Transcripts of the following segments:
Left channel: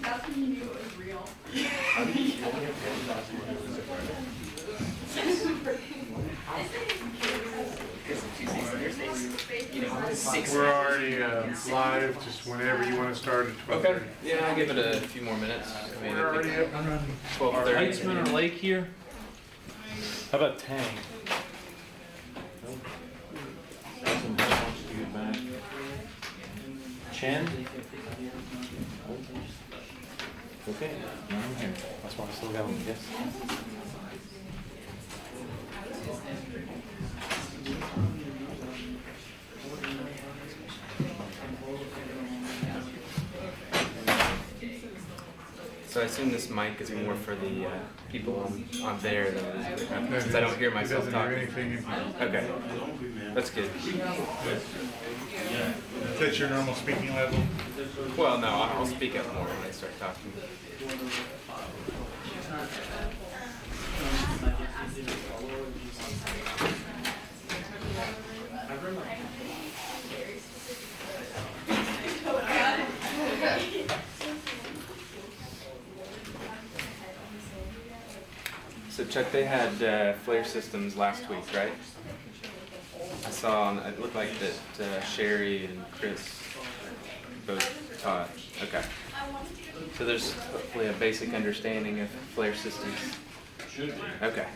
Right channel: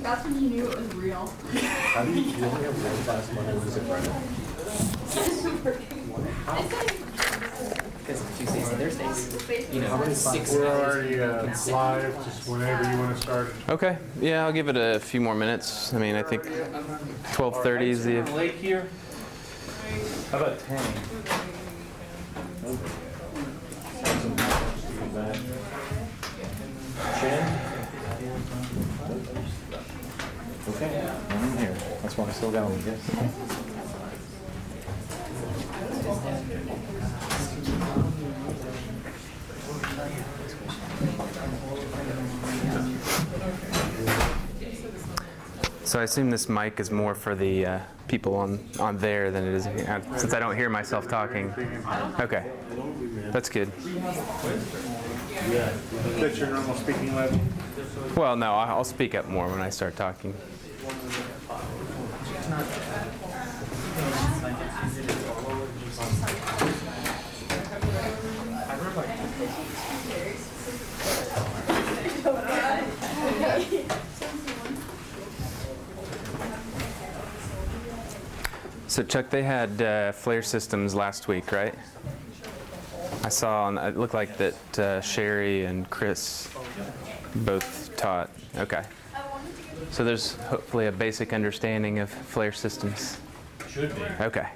That's when you knew it was real. How did you only have one class when I was We're already live, just whenever you want to start it. Okay, yeah, I'll give it a few more minutes. I mean, I think 12:30 is the lake here. How about 10? Chin? Okay, I'm here. That's why I'm still going, yes. So I assume this mic is more for the people on there than it is here, since I don't hear myself talking. Okay, that's good. That's your normal speaking level? Well, no, I'll speak up more when I start talking. So Chuck, they had flare systems last week, right? I saw, it looked like that Sherry and Chris both taught. Okay. So there's hopefully a basic understanding of flare systems. Should be. Okay.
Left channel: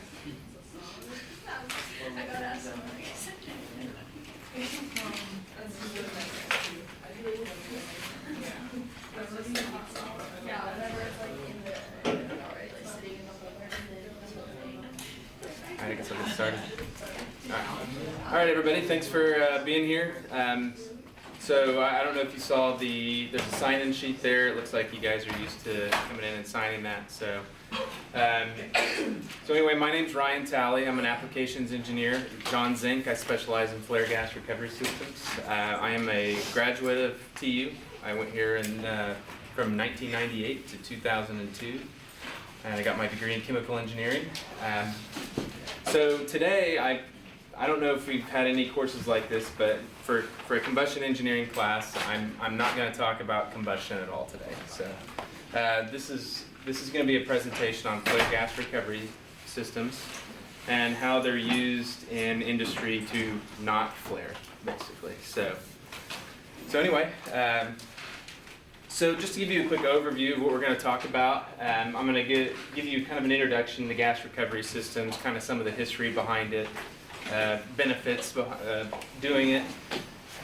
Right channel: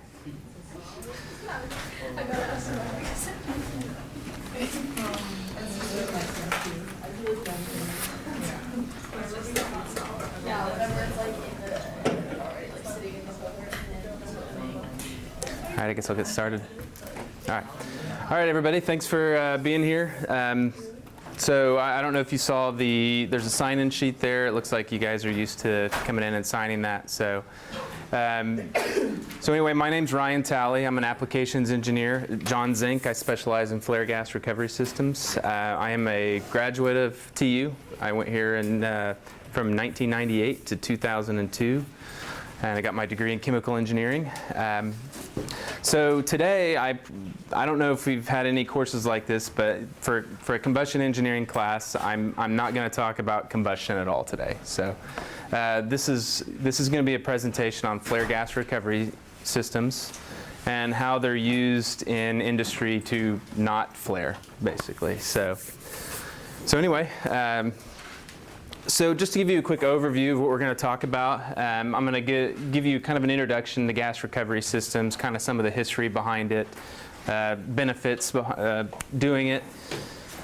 All right, I guess I'll get started. All right, everybody, thanks for being here. So I don't know if you saw there's a sign-in sheet there. It looks like you guys are used to coming in and signing that. So anyway, my name's Ryan Talley. I'm an applications engineer at John Zink. I specialize in flare gas recovery systems. I am a graduate of TU. I went here from 1998 to 2002. I got my degree in chemical engineering. So today, I don't know if we've had any courses like this, but for a combustion engineering class, I'm not going to talk about combustion at all today. So this is going to be a presentation on flare gas recovery systems and how they're used in industry to not flare, basically. So anyway. So just to give you a quick overview of what we're going to talk about, I'm going to give you kind of an introduction to gas recovery systems, kind of some of the history behind it, benefits doing it,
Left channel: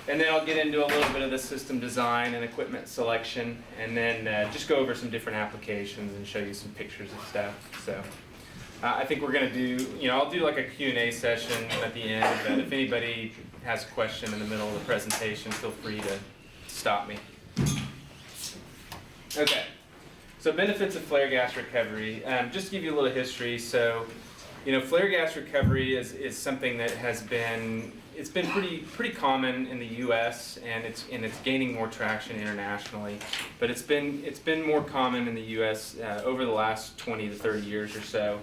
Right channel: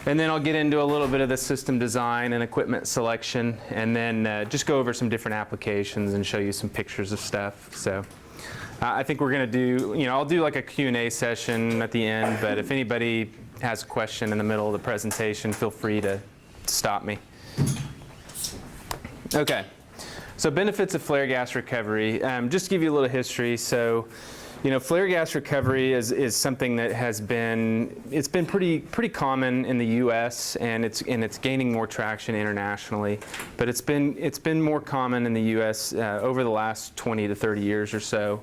and then I'll get into a little bit of the system design and equipment selection, and then just go over some different applications and show you some pictures of stuff. So I think we're going to do, I'll do like a Q&A session at the end, but if anybody has a question in the middle of the presentation, feel free to stop me. Okay, so benefits of flare gas recovery. Just to give you a little history, so flare gas recovery is something that has been pretty common in the U.S. and it's gaining more traction internationally, but it's been more common in the U.S. Over the last 20 to 30 years or so.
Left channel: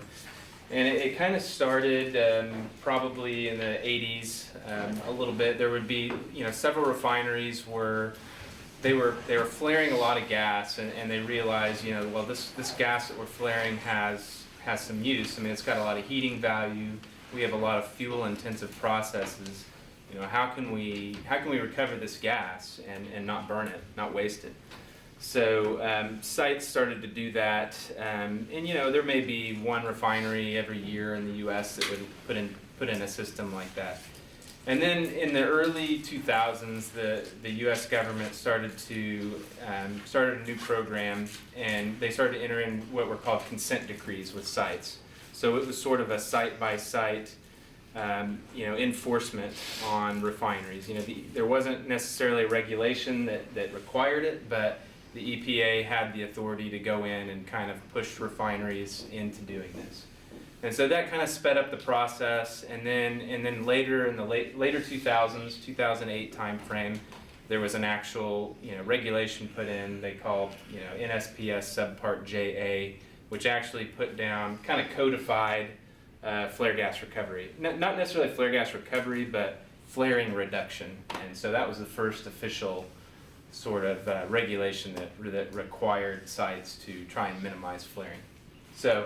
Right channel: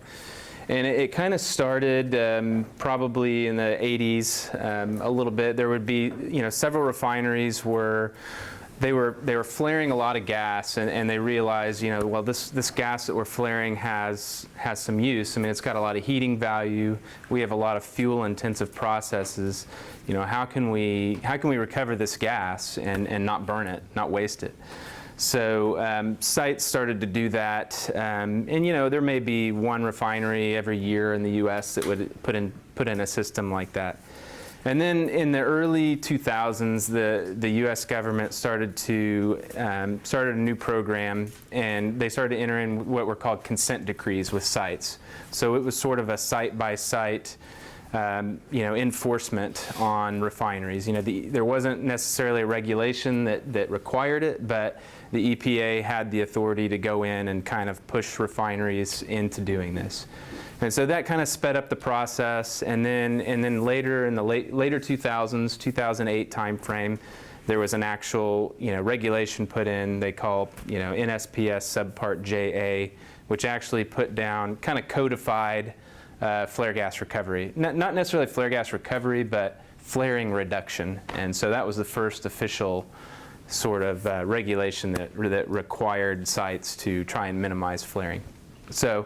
And it kind of started probably in the 80s a little bit. There would be several refineries where they were flaring a lot of gas, and they realized, well, this gas that we're flaring has some use. I mean, it's got a lot of heating value. We have a lot of fuel-intensive processes. How can we recover this gas and not burn it, not waste it? So sites started to do that, and there may be one refinery every year in the U.S. that would put in a system like that. And then in the early 2000s, the U.S. government started a new program, and they started to enter in what were called consent decrees with sites. So it was sort of a site-by-site, enforcement on refineries. There wasn't necessarily a regulation that required it, but the EPA had the authority to go in and kind of push refineries into doing this. And so that kind of sped up the process, and then later in the later 2000s, 2008 timeframe, there was an actual regulation put in. They call NSPS Subpart JA, which actually put down, kind of codified flare gas recovery. Not necessarily flare gas recovery, but flaring reduction. And so that was the first official sort of regulation that required sites to try and minimize flaring. So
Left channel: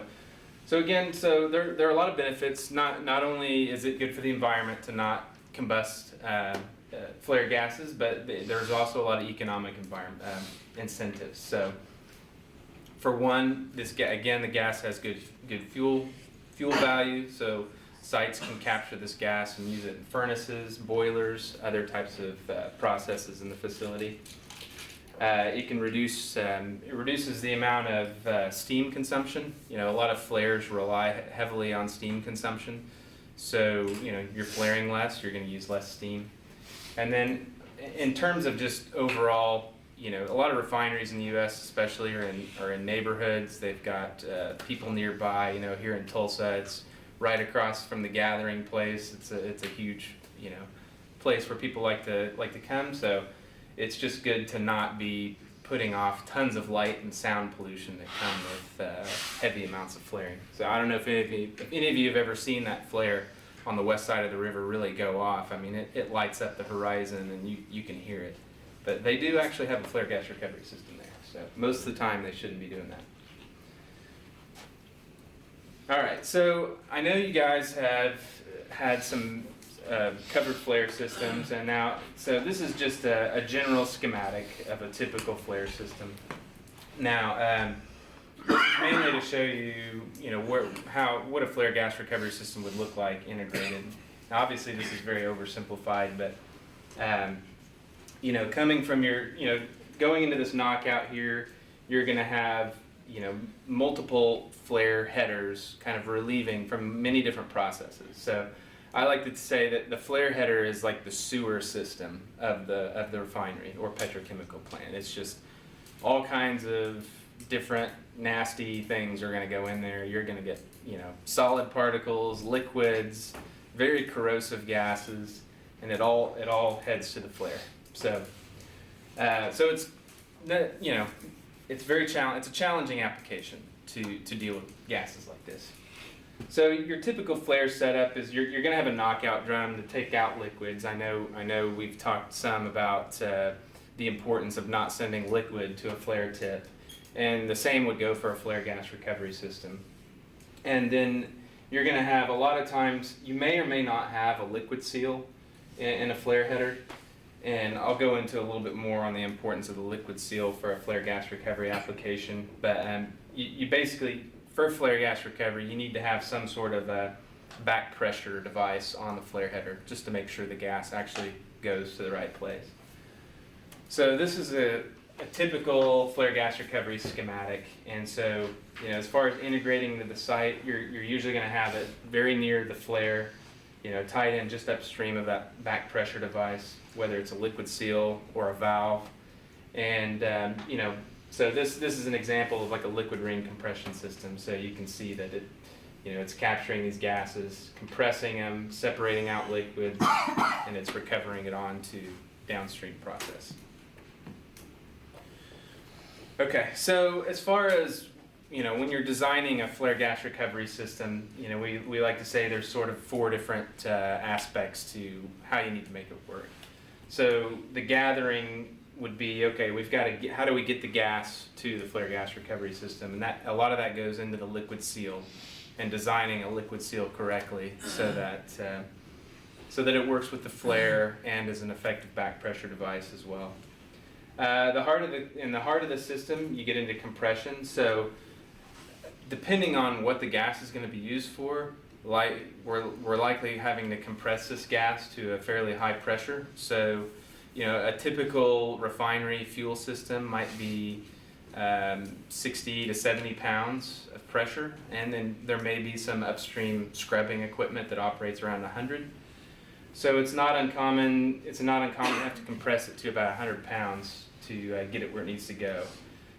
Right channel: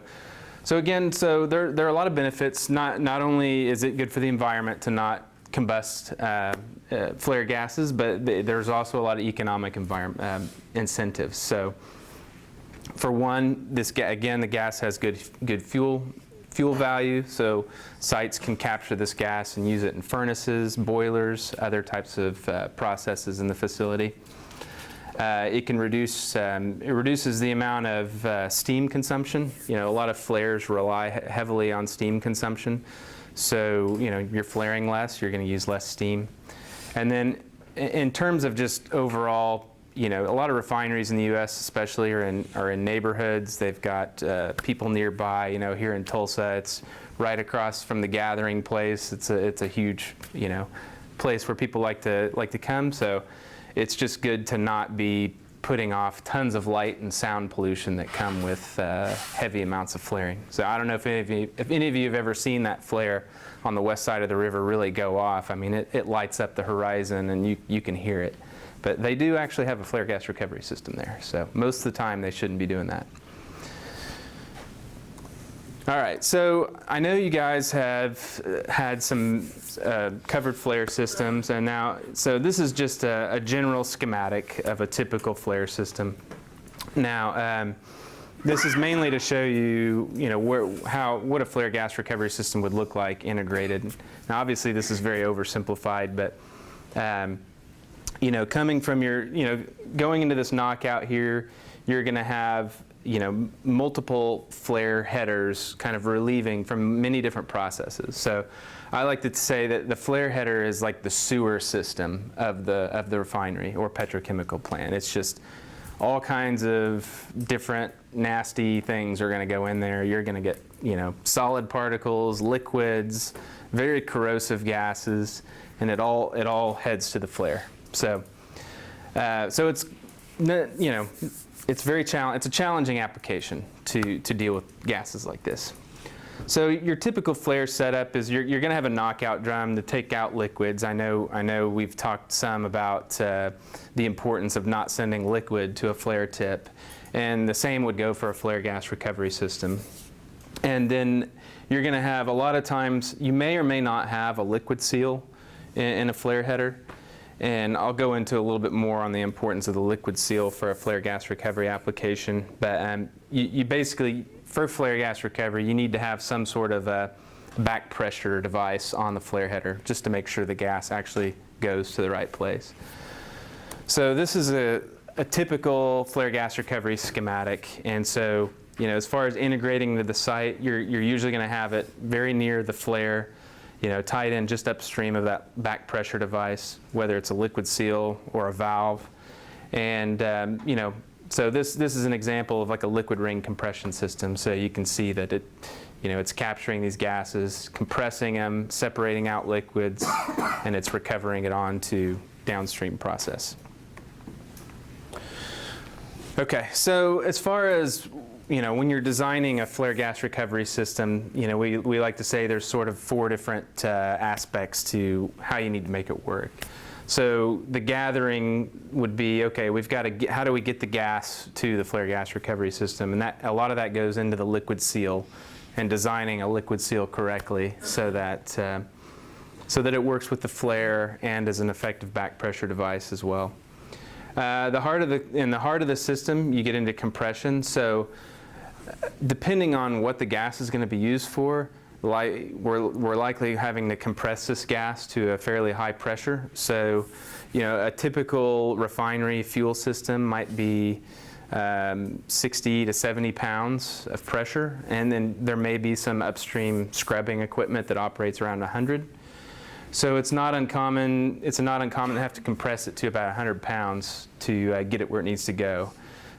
again, there are a lot of benefits. Not only is it good for the environment to not combust flare gases, but there's also a lot of economic incentives. So for one, the gas has good fuel value. So sites can capture this gas and use it in furnaces, boilers, other types of processes in the facility. It reduces the amount of steam consumption. A lot of flares rely heavily on steam consumption. So, you're flaring less, you're going to use less steam. And then in terms of just overall, a lot of refineries in the U.S. especially are in neighborhoods. They've got people nearby. Here in Tulsa, it's right across from the gathering place. It's a huge, place where people like to come. So it's just good to not be putting off tons of light and sound pollution that come with heavy amounts of flaring. So I don't know if any of you have ever seen that flare on the west side of the river really go off. I mean, it lights up the horizon and you can hear it. But they do actually have a flare gas recovery system there. So most of the time they shouldn't be doing that. All right, so I know you guys have had some covered flare systems, and so this is just a general schematic of a typical flare system. Now, this is mainly to show you, what a flare gas recovery system would look like integrated. Now, obviously, this is very oversimplified, but coming from going into this knockout here, you're going to have multiple flare headers kind of relieving from many different processes. So I like to say that the flare header is like the sewer system of the refinery or petrochemical plant. It's just all kinds of different nasty things are going to go in there. You're going to get solid particles, liquids, very corrosive gases, and it all heads to the flare. So it's it's a challenging application to deal with gases like this. So your typical flare setup is you're going to have a knockout drum to take out liquids. I know we've talked some about the importance of not sending liquid to a flare tip, and the same would go for a flare gas recovery system. And then you're going to have, a lot of times you may or may not have a liquid seal in a flare header. And I'll go into a little bit more on the importance of the liquid seal for a flare gas recovery application. But you basically, for flare gas recovery, you need to have some sort of a back pressure device on the flare header just to make sure the gas actually goes to the right place. So this is a typical flare gas recovery schematic. And so, as far as integrating to the site, you're usually going to have it very near the flare, tied in just upstream of that back pressure device, whether it's a liquid seal or a valve. And, so this is an example of like a liquid ring compression system. So you can see that it's capturing these gases, compressing them, separating out liquids, and it's recovering it onto downstream process. Okay, so as far as when you're designing a flare gas recovery system, we like to say there's sort of 4 different aspects to how you need to make it work. So the gathering would be, okay, how do we get the gas to the flare gas recovery system? And a lot of that goes into the liquid seal and designing a liquid seal correctly so that it works with the flare and as an effective back pressure device as well. In the heart of the system, you get into compression. So depending on what the gas is going to be used for, we're likely having to compress this gas to a fairly high pressure. So, a typical refinery fuel system might be 60 to 70 pounds of pressure, and then there may be some upstream scrubbing equipment that operates around 100. So it's not uncommon. It's not uncommon to have to compress it to about 100 pounds to get it where it needs to go.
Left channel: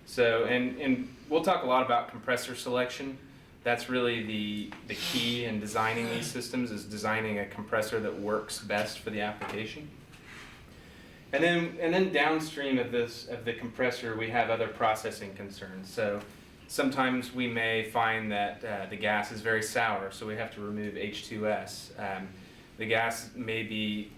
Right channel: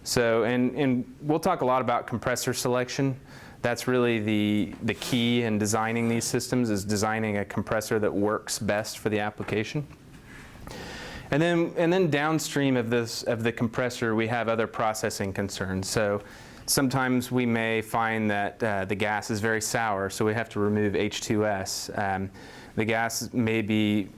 So, and we'll talk a lot about compressor selection. That's really the key in designing these systems, is designing a compressor that works best for the application. And then downstream of the compressor, we have other processing concerns. So sometimes we may find that the gas is very sour, so we have to remove H2S. The gas may be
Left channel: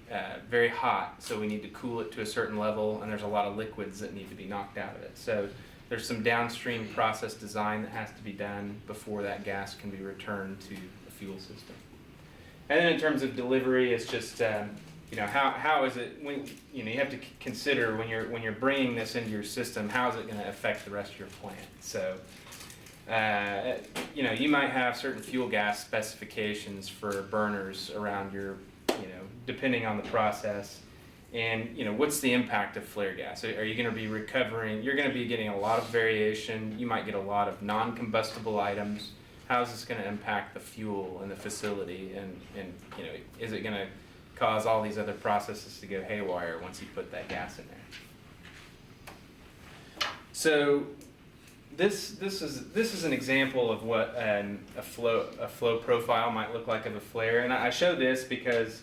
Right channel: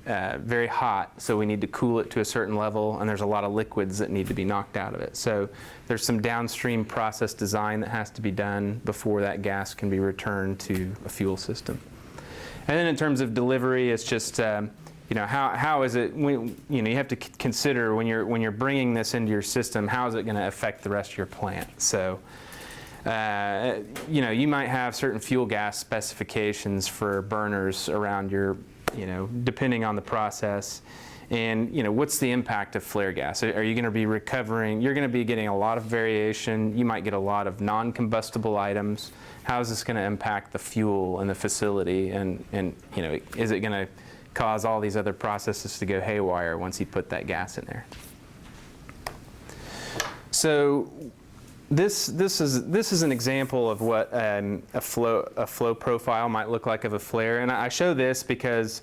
very hot, so we need to cool it to a certain level, and there's a lot of liquids that need to be knocked out of it. So there's some downstream process design that has to be done before that gas can be returned to a fuel system. And then in terms of delivery, it's just how is it, you have to consider when you're bringing this into your system, how is it going to affect the rest of your plant. So you might have certain fuel gas specifications for burners around your, depending on the process. And, what's the impact of flare gas? Are you going to be recovering? You're going to be getting a lot of variation. You might get a lot of non-combustible items. How is this going to impact the fuel in the facility? And is it going to cause all these other processes to go haywire once you put that gas in there? So this is an example of what a flow profile might look like of a flare, and I show this because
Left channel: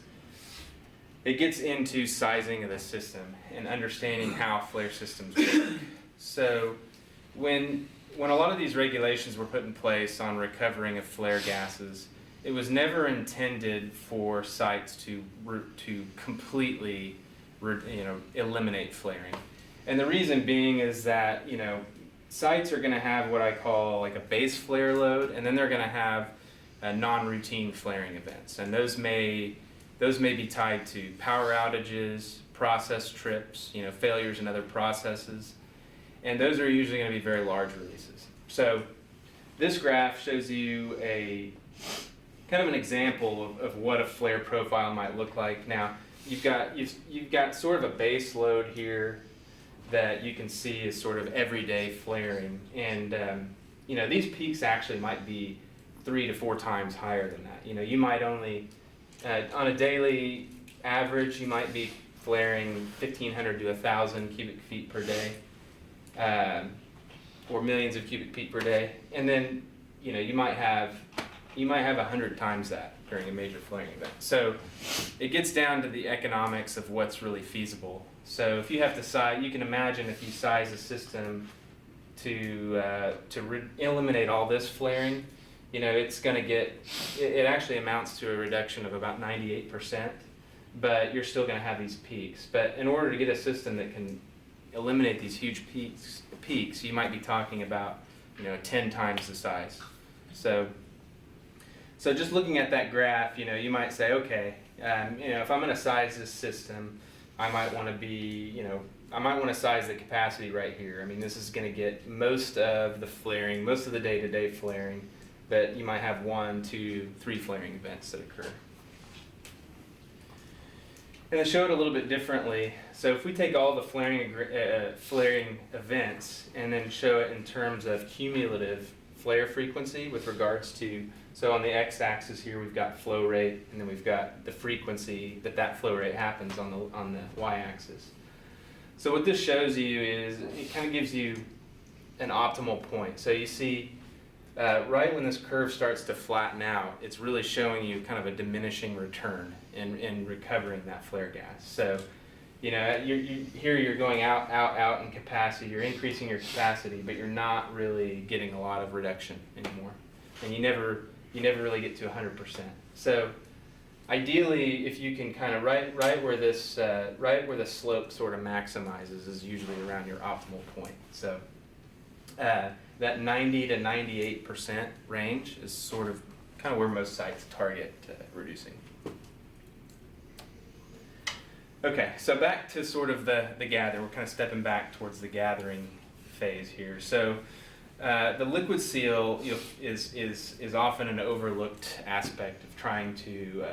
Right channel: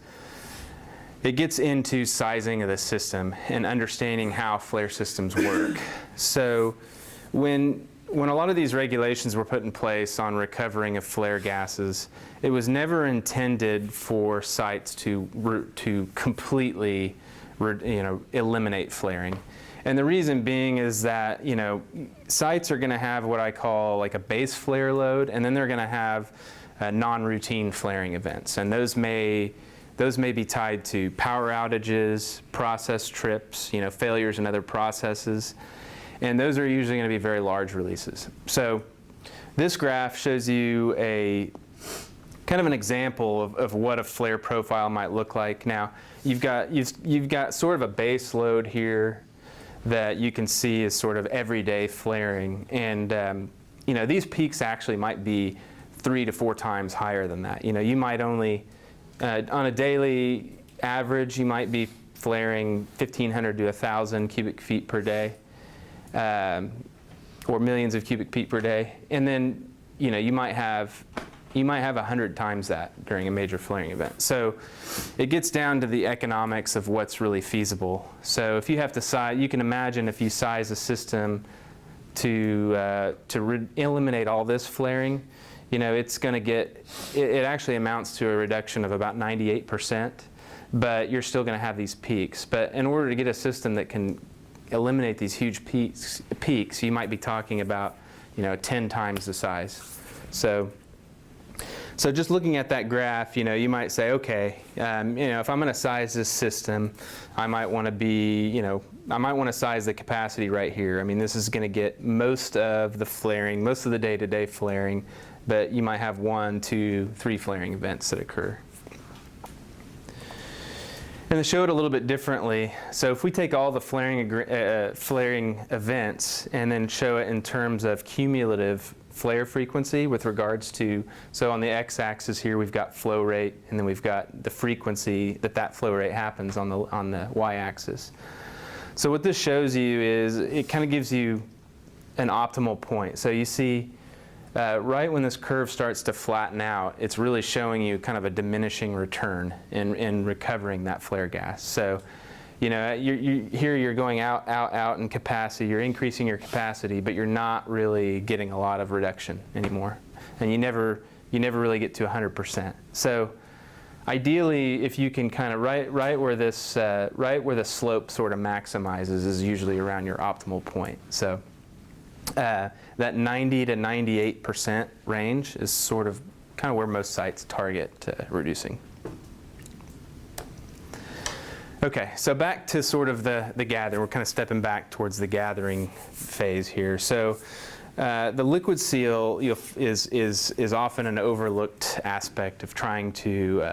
it gets into sizing of the system and understanding how flare systems work. So when a lot of these regulations were put in place on recovering of flare gases, it was never intended for sites to completely eliminate flaring. And the reason being is that, sites are going to have what I call like a base flare load, and then they're going to have non-routine flaring events. And those may be tied to power outages, process trips, failures in other processes. And those are usually going to be very large releases. So this graph shows you a kind of an example of what a flare profile might look like. Now, you've got sort of a base load here that you can see is sort of everyday flaring, and these peaks actually might be 3 to 4 times higher than that. You might only on a daily average, you might be flaring 1,500 to 1,000 cubic feet per day, or millions of cubic feet per day, and then you might have 100 times that during a major flaring event. So it gets down to the economics of what's really feasible. So if you have to size, you can imagine if you size a system to eliminate all this flaring, it's going to get, it actually amounts to a reduction of about 98%, but you're still going to have these peaks. But in order to get a system that can eliminate these huge peaks, you might be talking about 10 times the size. So just looking at that graph, you might say, okay, if I'm going to size this system, I might want to size the capacity right here. I mean, this is going to get most of the flaring, most of the day-to-day flaring, but you might have 1, 2, 3 flaring events that occur. And to show it a little bit differently, so if we take all the flaring events and then show it in terms of cumulative flare frequency with regards to, so on the x-axis here we've got flow rate, and then we've got the frequency that flow rate happens on the y-axis. So what this shows you is it kind of gives you an optimal point. So you see right when this curve starts to flatten out, it's really showing you kind of a diminishing return in recovering that flare gas. So here you're going out in capacity, you're increasing your capacity, but you're not really getting a lot of reduction anymore. And you never really get to 100%. So ideally, if you can kind of right where the slope sort of maximizes is usually around your optimal point. So that 90 to 98% range is sort of kind of where most sites target reducing. Okay, so back to sort of the gather. We're kind of stepping back towards the gathering phase here. So The liquid seal is often an overlooked aspect of trying to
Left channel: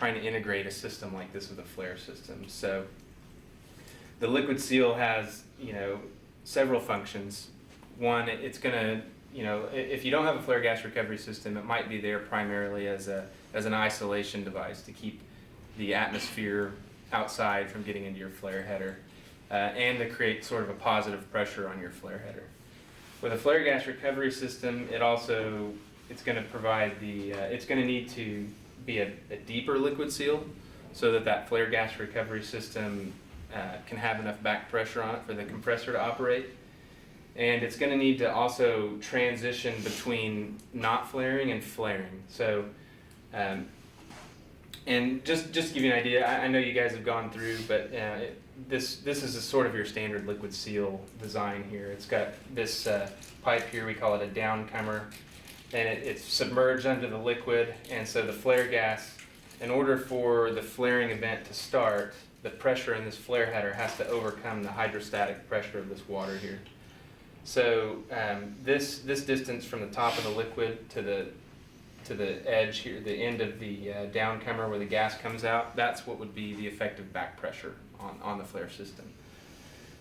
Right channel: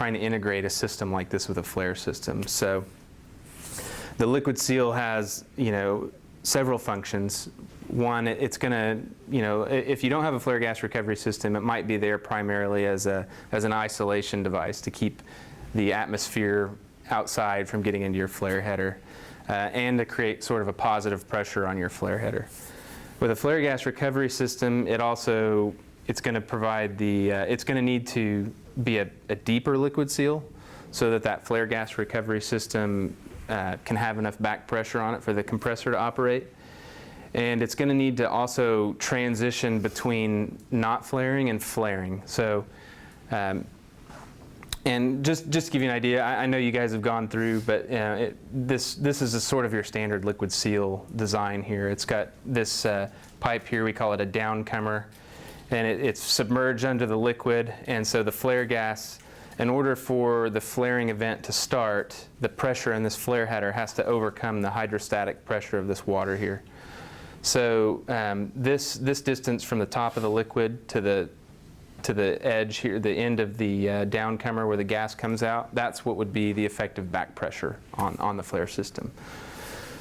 integrate a system like this with a flare system. So the liquid seal has several functions. One, it's going to if you don't have a flare gas recovery system, it might be there primarily as an isolation device to keep the atmosphere outside from getting into your flare header, and to create sort of a positive pressure on your flare header. With a flare gas recovery system, it's going to provide it's going to need to be a deeper liquid seal so that flare gas recovery system can have enough back pressure on it for the compressor to operate. And it's going to need to also transition between not flaring and flaring. So, and just to give you an idea, I know you guys have gone through, but this is a sort of your standard liquid seal design here. It's got this pipe here, we call it a downcomer, and it's submerged under the liquid, and so the flare gas, in order for the flaring event to start, the pressure in this flare header has to overcome the hydrostatic pressure of this water here. So this distance from the top of the liquid to the edge here, the end of the downcomer where the gas comes out, that's what would be the effective back pressure on the flare system.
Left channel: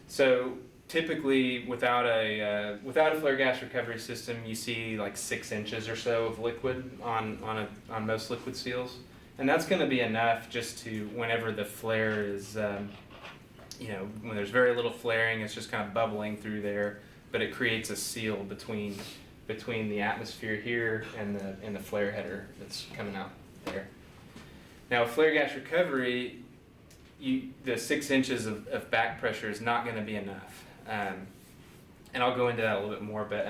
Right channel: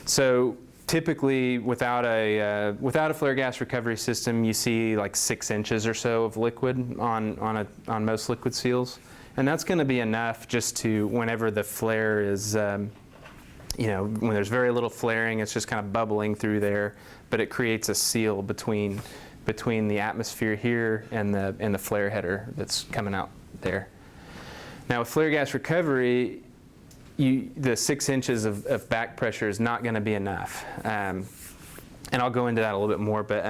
So typically without a flare gas recovery system, you see like 6 inches or so of liquid on most liquid seals, and that's going to be enough just to, whenever the flare is when there's very little flaring, it's just kind of bubbling through there, but it creates a seal between the atmosphere here and the flare header that's coming out there. Now with flare gas recovery, the 6 inches of back pressure is not going to be enough, and I'll go into that a little bit more, but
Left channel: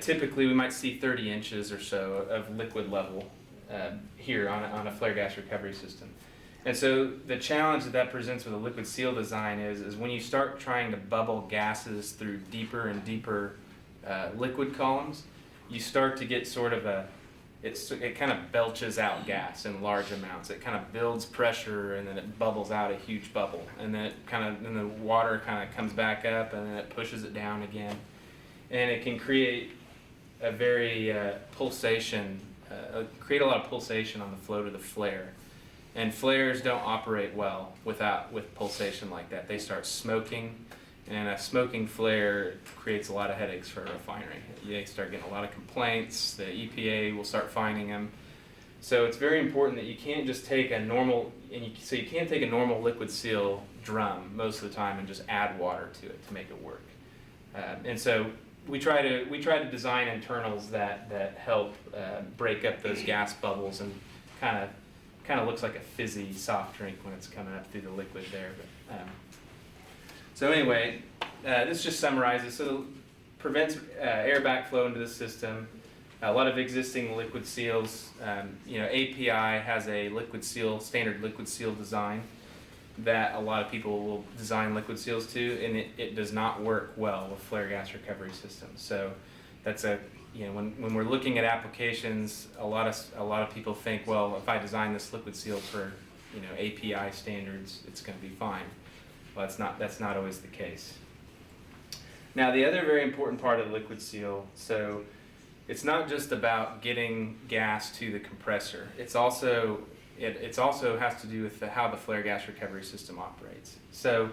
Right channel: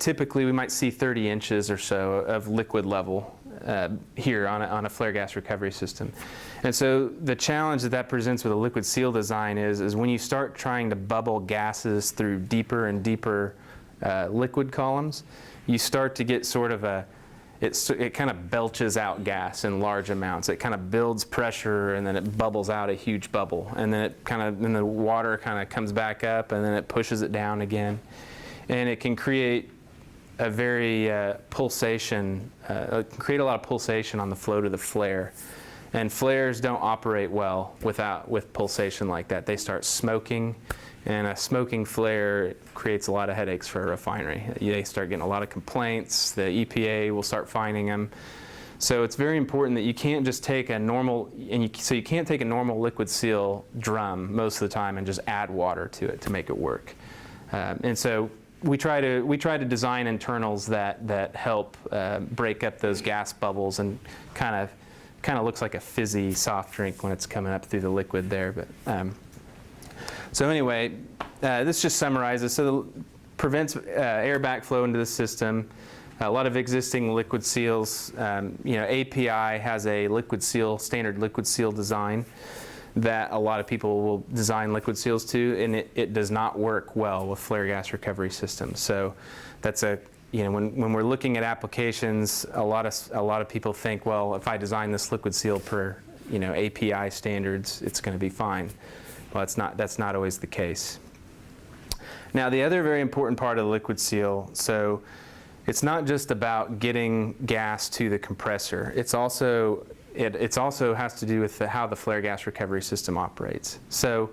typically we might see 30 inches or so of liquid level here on a flare gas recovery system. And so the challenge that presents with a liquid seal design is when you start trying to bubble gases through deeper and deeper liquid columns, you start to get sort of it kind of belches out gas in large amounts. It kind of builds pressure, and then it bubbles out a huge bubble, and then then the water kind of comes back up, and then it pushes it down again, and it can create a very create a lot of pulsation on the flow to the flare. And flares don't operate well with pulsation like that. They start smoking, and a smoking flare creates a lot of headaches for a refinery. They start getting a lot of complaints. The EPA will start fining them. So it's very important that you can't just take a normal, so you can't take a normal liquid seal drum most of the time and just add water to it to make it work. And so we try to design internals that help break up those gas bubbles, and kind of looks like a fizzy soft drink when it's coming up through the liquid there. But so anyway, this just summarizes. So it prevents air backflow into the system. A lot of existing liquid seals, API has a standard liquid seal design that a lot of people will design liquid seals to, and it does not work well with flare gas recovery systems. So that's when we're looking at applications, a lot of people think, well, if I design this liquid seal per API standards, it's going to be fine. Well, that's not always the case. Now, the other very important part of the liquid seal, so it's not just about getting gas to the compressor. It also has to do with how the flare gas recovery system operates. So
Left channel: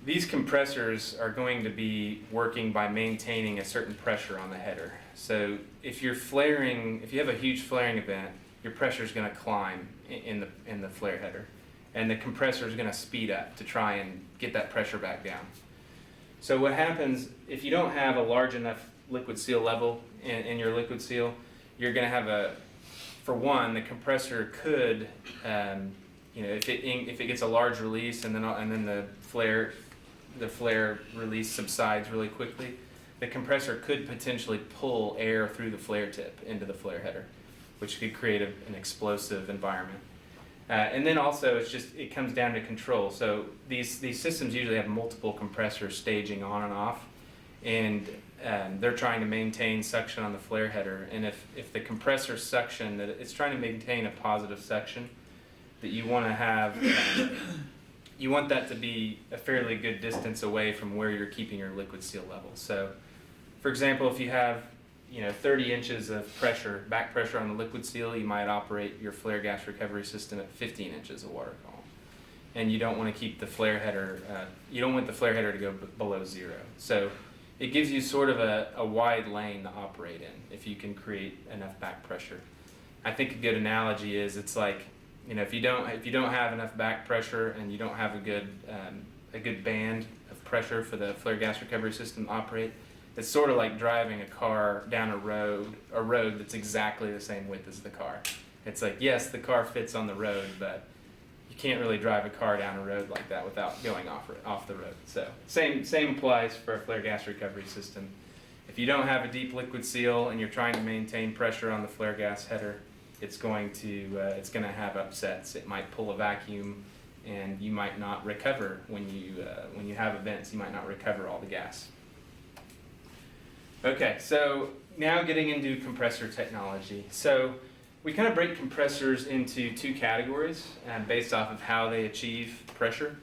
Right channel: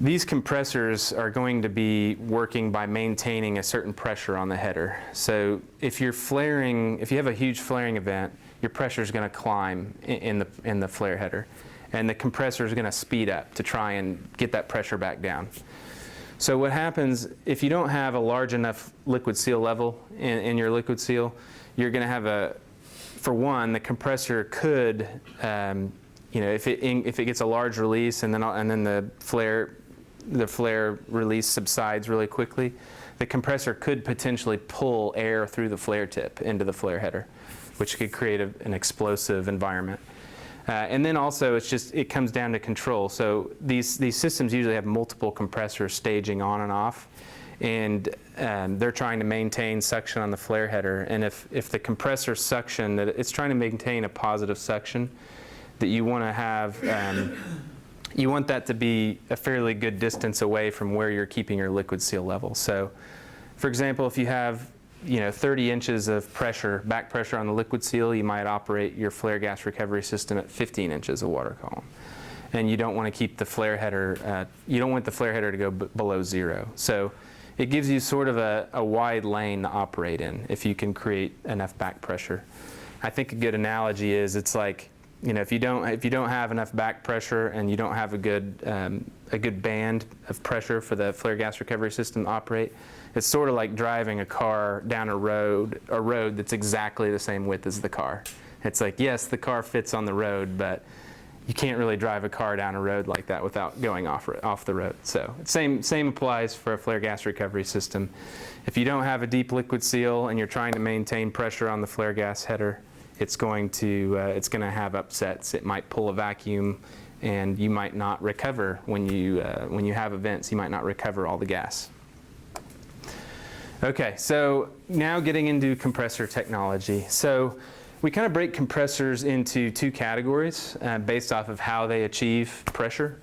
these compressors are going to be working by maintaining a certain pressure on the header. So if you have a huge flaring event, your pressure is going to climb in the flare header, and the compressor is going to speed up to try and get that pressure back down. So what happens if you don't have a large enough liquid seal level in your liquid seal, you're going to have for one, the compressor could, if it gets a large release and then the flare release subsides really quickly, the compressor could potentially pull air through the flare tip into the flare header, which could create an explosive environment. And then also it comes down to control. So these systems usually have multiple compressors staging on and off, and they're trying to maintain suction on the flare header. And if the compressor suction, that it's trying to maintain a positive suction, that you want to have, you want that to be a fairly good distance away from where you're keeping your liquid seal level. So For example, if you have 30 inches of pressure, back pressure on the liquid seal, you might operate your flare gas recovery system at 15 inches of water column. And you don't want to keep the flare header, you don't want the flare header to go below 0. So it gives you sort of a wide lane to operate in if you can create enough back pressure. I think a good analogy is it's like, if you don't have enough back pressure and you don't have a good band of pressure for the flare gas recovery system to operate, it's sort of like driving a car down a road that's exactly the same width as the car. It's like, yes, the car fits on the road, but you can't really drive a car down a road like that without going off the road. So same applies for a flare gas recovery system. If you don't have a deep liquid seal and you're trying to maintain pressure on the flare gas header, it's going to have upsets. It might pull a vacuum, and you might not recover when you have events. You might not recover all the gas. Okay, so now getting into compressor technology. So we kind of break compressors into two categories based off of how they achieve pressure.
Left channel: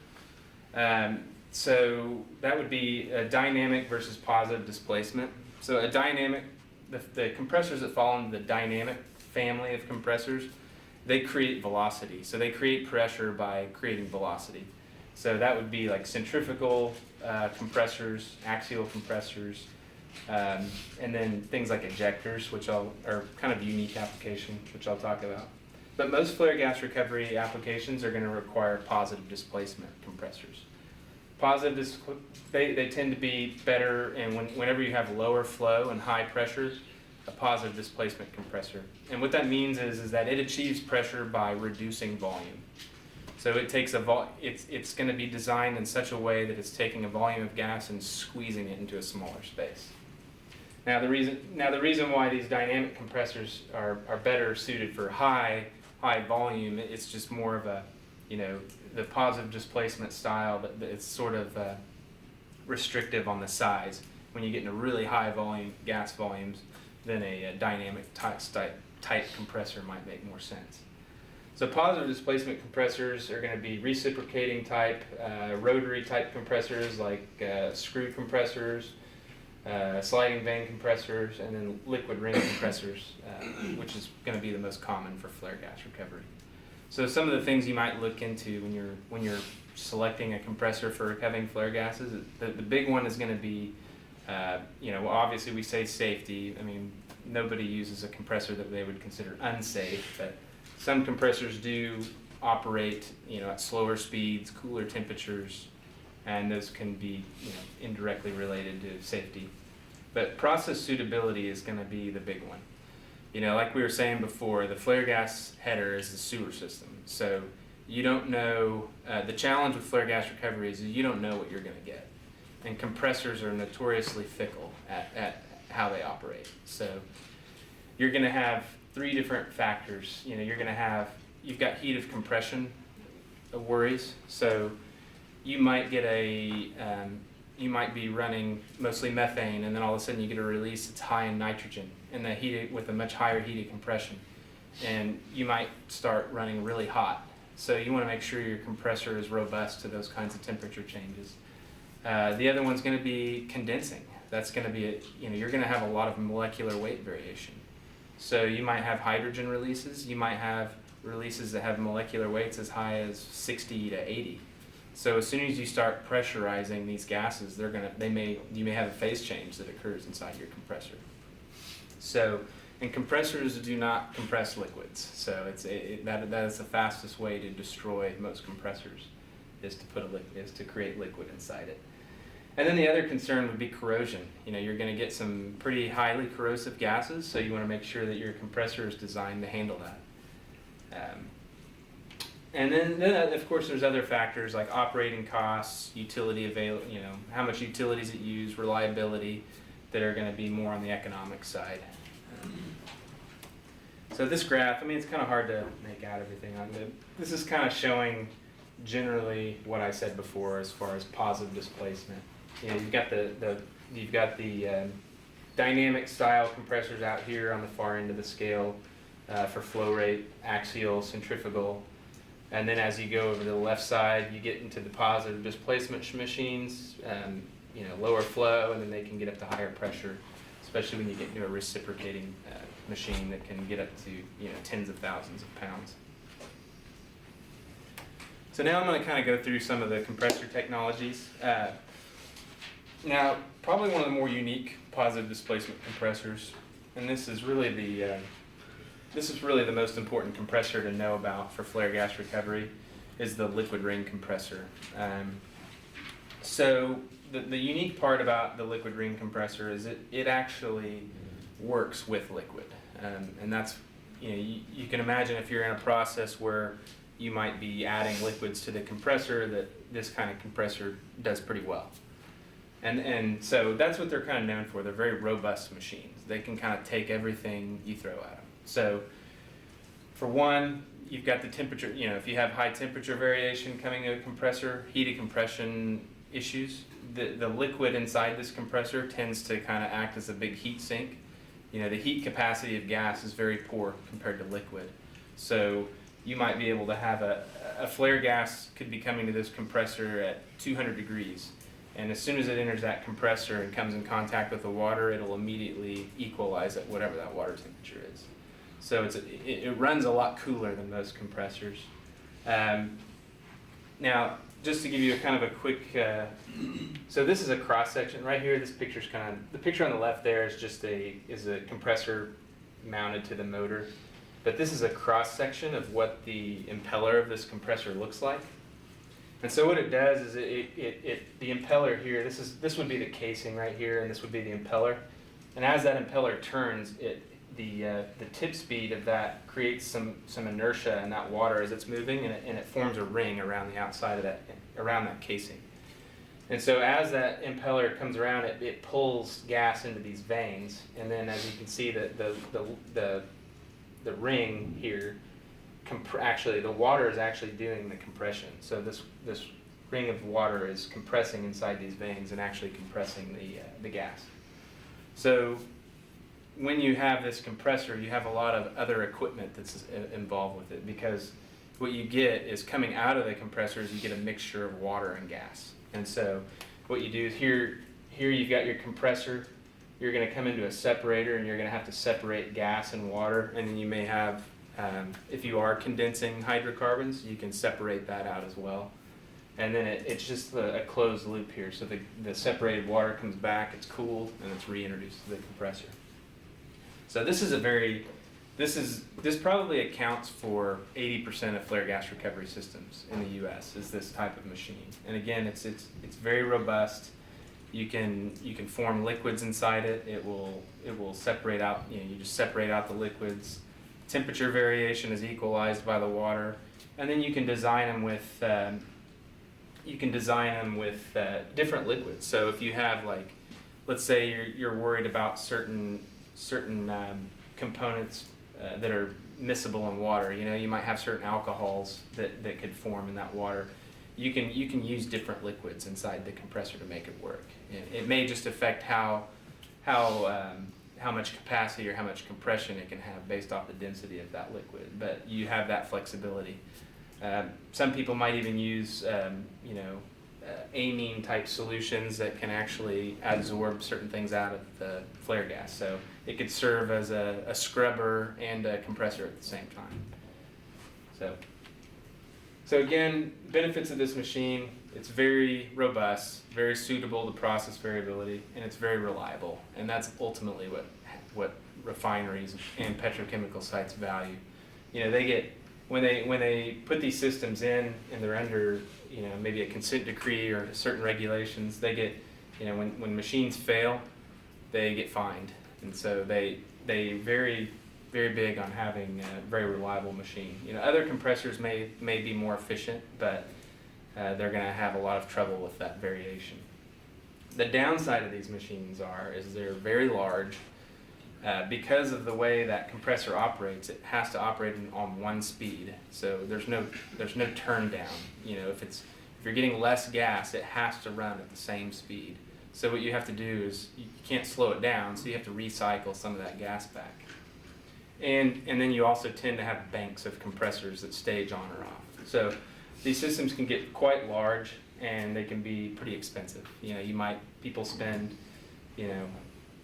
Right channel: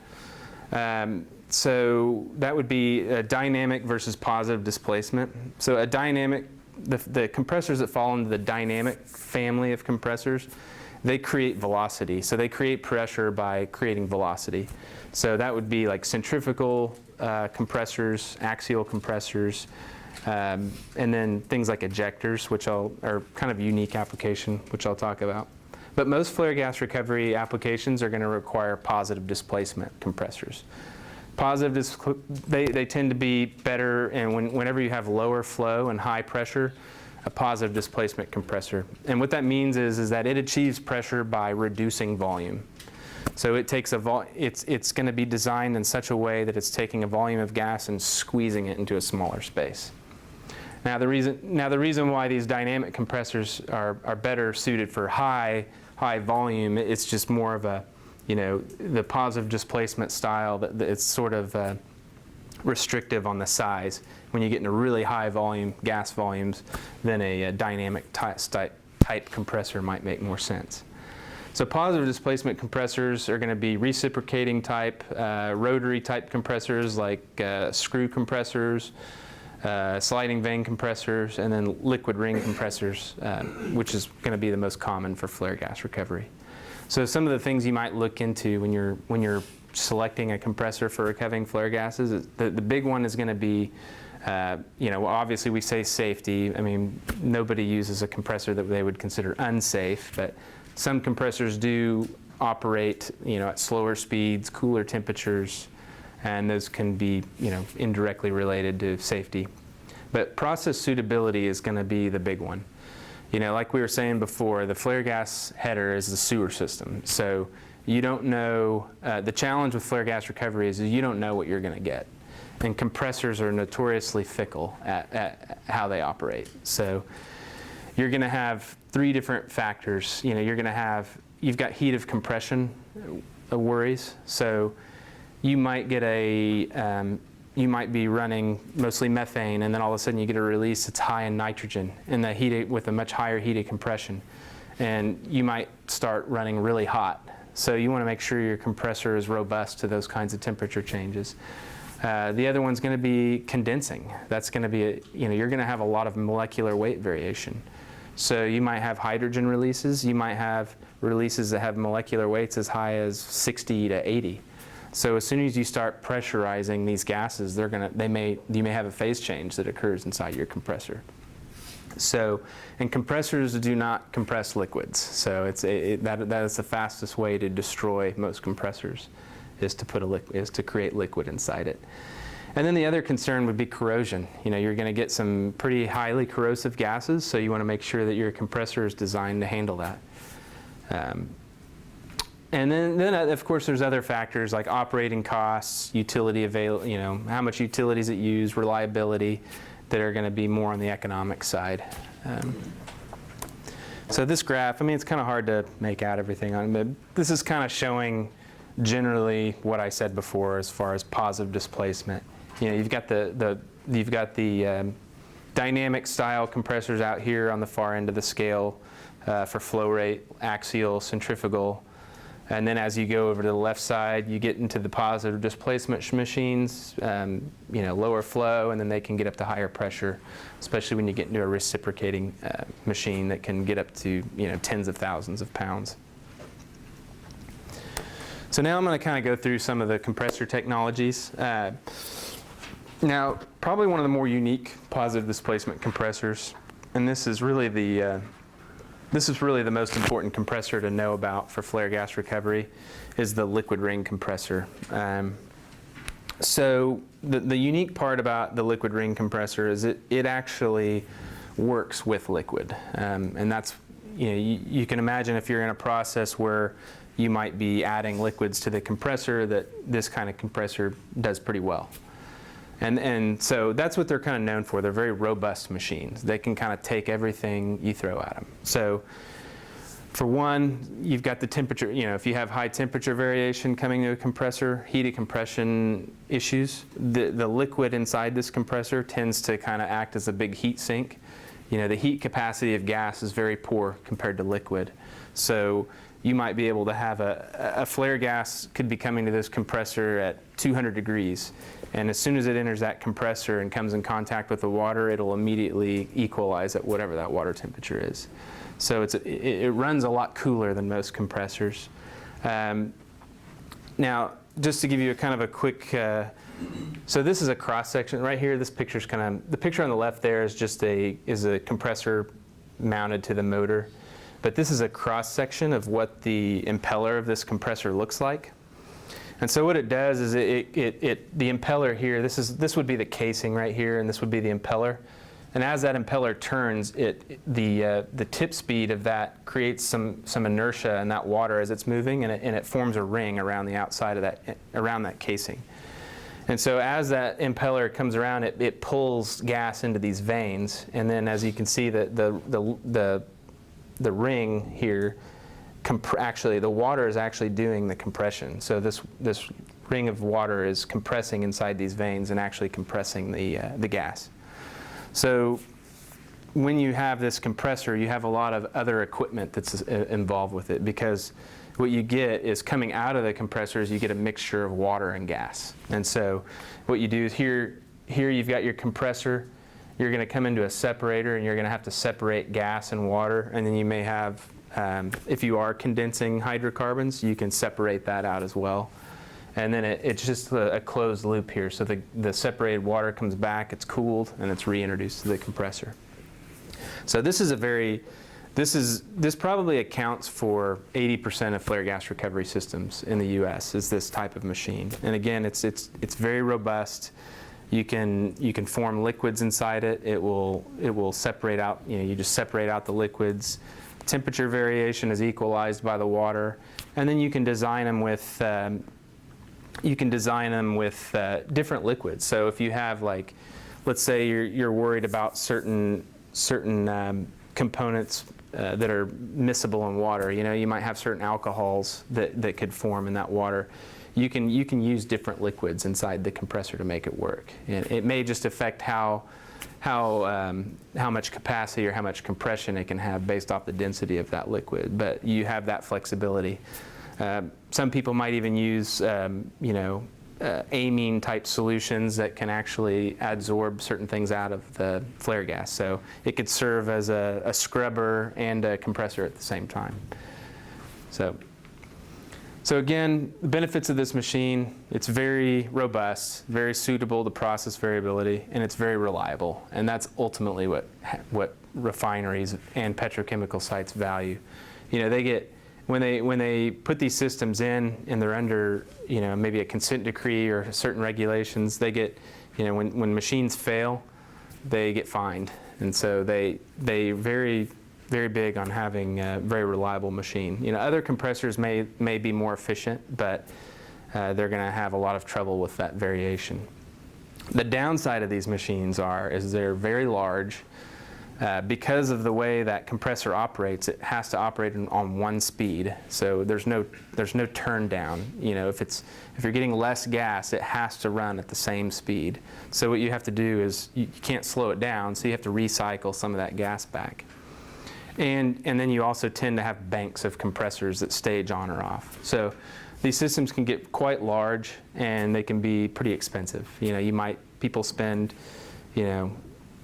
So that would be a dynamic versus positive displacement. So a dynamic, the compressors that fall into the dynamic family of compressors, they create velocity. So they create pressure by creating velocity. So that would be like centrifugal compressors, axial compressors, and then things like ejectors, which are kind of unique application, which I'll talk about. But most flare gas recovery applications are going to require positive displacement compressors. They tend to be better, and whenever you have lower flow and high pressure, a positive displacement compressor. And what that means is that it achieves pressure by reducing volume. So it takes it's going to be designed in such a way that it's taking a volume of gas and squeezing it into a smaller space. Now the reason why these dynamic compressors are better suited for high volume, it's just more of a, the positive displacement style, that it's sort of restrictive on the size. When you get into really high volume, gas volumes, then a dynamic type compressor might make more sense. So positive displacement compressors are going to be reciprocating type, rotary type compressors like screw compressors, sliding vane compressors, and then liquid ring compressors, which is going to be the most common for flare gas recovery. So some of the things you might look into when you're selecting a compressor for recovering flare gases, the big one is going to be, obviously we say safety. I mean, nobody uses a compressor that they would consider unsafe, but some compressors do operate, at slower speeds, cooler temperatures, and those can be, indirectly related to safety. But process suitability is going to be the big one. Like we were saying before, the flare gas header is the sewer system. So you don't know, the challenge with flare gas recovery is you don't know what you're going to get. And compressors are notoriously fickle at how they operate. So you're going to have three different factors. You've got heat of compression worries. So you might get you might be running mostly methane, and then all of a sudden you get a release that's high in nitrogen, and the heat with a much higher heat of compression, and you might start running really hot. So you want to make sure your compressor is robust to those kinds of temperature changes. The other one's going to be condensing. That's going to be you're going to have a lot of molecular weight variation. So you might have hydrogen releases. You might have releases that have molecular weights as high as 60 to 80. So as soon as you start pressurizing these gases, you may have a phase change that occurs inside your compressor. So, and compressors do not compress liquids. So that is the fastest way to destroy most compressors, is to create liquid inside it. And then the other concern would be corrosion. You're going to get some pretty highly corrosive gases, so you want to make sure that your compressor is designed to handle that. And then of course there's other factors like operating costs, utility how much utilities it use, reliability, that are going to be more on the economic side. So this graph, it's kind of hard to make out everything on, but this is kind of showing generally what I said before as far as positive displacement. You've got the dynamic style compressors out here on the far end of the scale for flow rate, axial, centrifugal. And then as you go over to the left side, you get into the positive displacement machines, lower flow, and then they can get up to higher pressure, especially when you get into a reciprocating machine that can get up to tens of thousands of pounds. So now I'm going to kind of go through some of the compressor technologies. Now, probably one of the more unique positive displacement compressors, and this is really the most important compressor to know about for flare gas recovery, is the liquid ring compressor. So the unique part about the liquid ring compressor is it actually works with liquid, and that's you can imagine if you're in a process where you might be adding liquids to the compressor, that this kind of compressor does pretty well. And so that's what they're kind of known for. They're very robust machines. They can kind of take everything you throw at them. So for one, you've got the temperature. If you have high temperature variation coming to a compressor, heated compression issues, the liquid inside this compressor tends to kind of act as a big heat sink. The heat capacity of gas is very poor compared to liquid. So you might be able to have a flare gas could be coming to this compressor at 200 degrees. And as soon as it enters that compressor and comes in contact with the water, it'll immediately equalize at whatever that water temperature is. So it runs a lot cooler than most compressors. Now, just to give you a kind of a quick, so this is a cross section right here. This picture's the picture on the left there is just a compressor mounted to the motor. But this is a cross section of what the impeller of this compressor looks like. And so what it does is the impeller here, this would be the casing right here, and this would be the impeller. And as that impeller turns, the tip speed of that creates some inertia in that water as it's moving, and it forms a ring around the outside of around that casing. And so as that impeller comes around, it pulls gas into these vanes, and then as you can see, the ring here, actually the water is actually doing the compression. So this ring of water is compressing inside these vanes and actually compressing the gas. So when you have this compressor, you have a lot of other equipment that's involved with it, because what you get is coming out of the compressors, you get a mixture of water and gas. And so what you do is here you've got your compressor. You're going to come into a separator, and you're going to have to separate gas and water, and then you may have, if you are condensing hydrocarbons, you can separate that out as well. And then it's just a closed loop here. So the separated water comes back, it's cooled, and it's reintroduced to the compressor. So this probably accounts for 80% of flare gas recovery systems in the U.S. is this type of machine. And again, it's very robust. You can form liquids inside it. It will separate out. You just separate out the liquids. Temperature variation is equalized by the water, and then you can design them with different liquids. So if you have, like, let's say you're worried about certain components that are miscible in water. You might have certain alcohols that could form in that water. You can use different liquids inside the compressor to make it work. And it may just affect how much capacity or how much compression it can have based off the density of that liquid. But you have that flexibility. Some people might even use amine type solutions that can actually absorb certain things out of the flare gas. So it could serve as a scrubber and a compressor at the same time. So again, the benefits of this machine: it's very robust, very suitable to process variability, and it's very reliable. And that's ultimately what refineries and petrochemical sites value. They get, when they put these systems in and they're under maybe a consent decree or certain regulations, they get, when machines fail, they get fined. And so they very big on having a very reliable machine. Other compressors may be more efficient, but they're going to have a lot of trouble with that variation. The downside of these machines is they're very large. Because of the way that compressor operates, it has to operate on one speed. So there's no turn down. If you're getting less gas, it has to run at the same speed. So what you have to do is you can't slow it down, so you have to recycle some of that gas back. And then you also tend to have banks of compressors that stage on or off. So these systems can get quite large and they can be pretty expensive. People spend, $4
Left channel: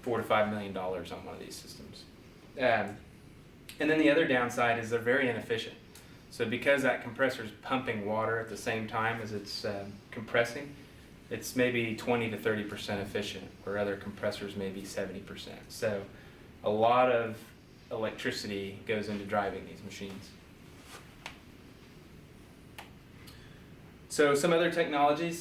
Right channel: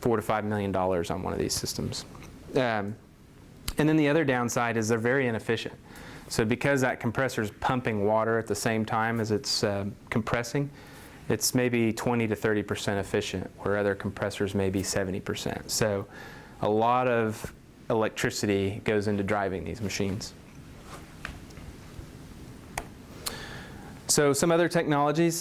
to $5 million on one of these systems. And then the other downside is they're very inefficient. So because that compressor is pumping water at the same time as it's compressing, it's maybe 20 to 30% efficient, where other compressors may be 70%. So a lot of electricity goes into driving these machines. So some other technologies.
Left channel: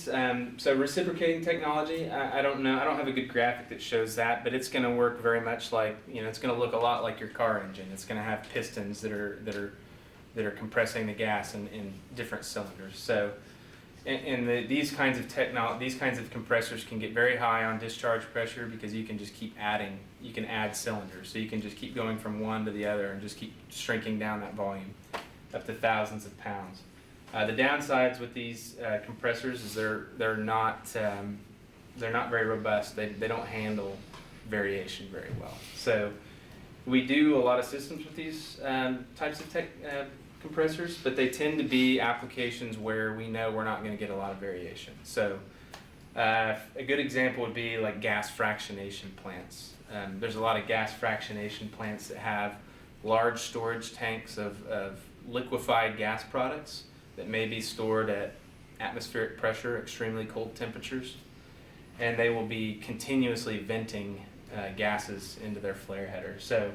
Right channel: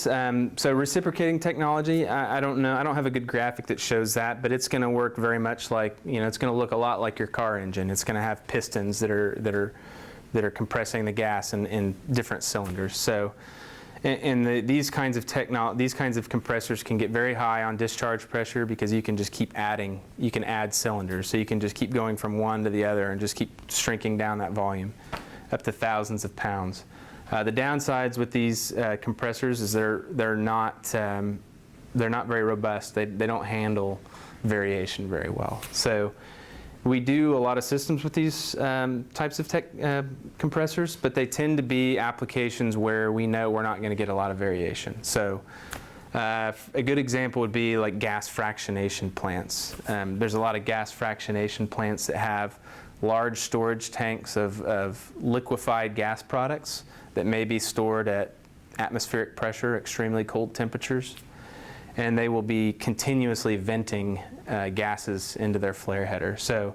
So reciprocating technology, I don't know. I don't have a good graphic that shows that, but it's going to work very much like, it's going to look a lot like your car engine. It's going to have pistons that are compressing the gas in different cylinders. So, these kinds of compressors can get very high on discharge pressure because you can just keep adding. You can add cylinders, so you can just keep going from one to the other and just keep shrinking down that volume up to thousands of pounds. The downsides with these compressors is they're not very robust. They don't handle variation very well. So we do a lot of systems with these types of compressors, but they tend to be applications where we know we're not going to get a lot of variation. So a good example would be like gas fractionation plants. There's a lot of gas fractionation plants that have large storage tanks of liquefied gas products that may be stored at atmospheric pressure, extremely cold temperatures, and they will be continuously venting gases into their flare header. So,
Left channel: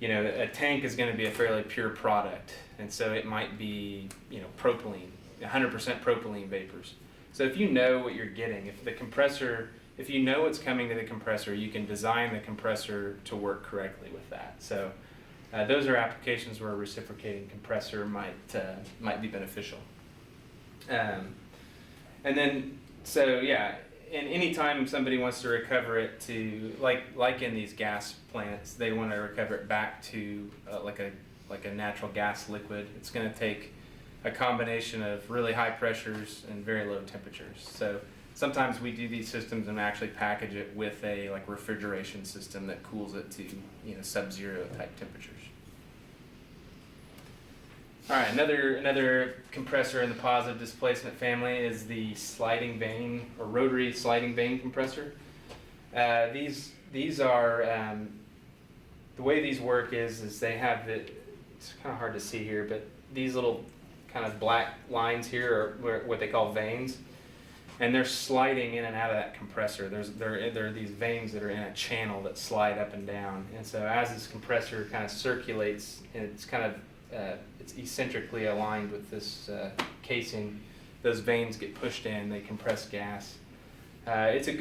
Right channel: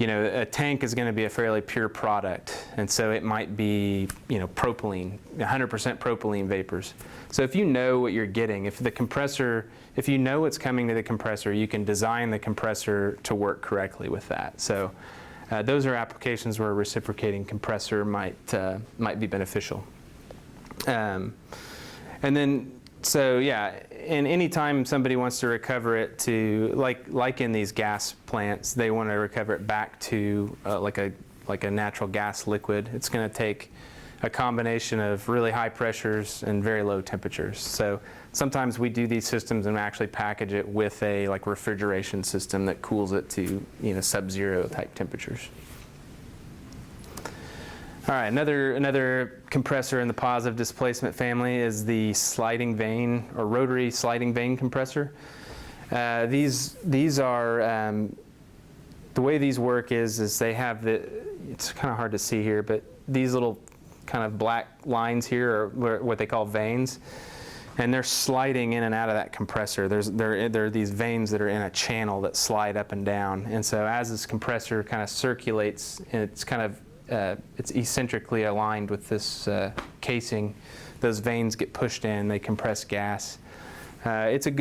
a tank is going to be a fairly pure product, and so it might be, propylene, 100% propylene vapors. So if you know what you're getting, if you know what's coming to the compressor, you can design the compressor to work correctly with that. So those are applications where a reciprocating compressor might be beneficial. And any time somebody wants to recover it to, like in these gas plants, they want to recover it back to like a natural gas liquid. It's going to take a combination of really high pressures and very low temperatures. So sometimes we do these systems and actually package it with a refrigeration system that cools it to sub-zero type temperatures. All right, another compressor in the positive displacement family is the sliding vane or rotary sliding vane compressor. These are the way these work is they have it's kind of hard to see here, but these little kind of black lines here are what they call vanes, and they're sliding in and out of that compressor. There are these vanes that are in a channel that slide up and down, and so as this compressor kind of circulates, and it's eccentrically aligned with this casing, those vanes get pushed in, they compress gas. It's a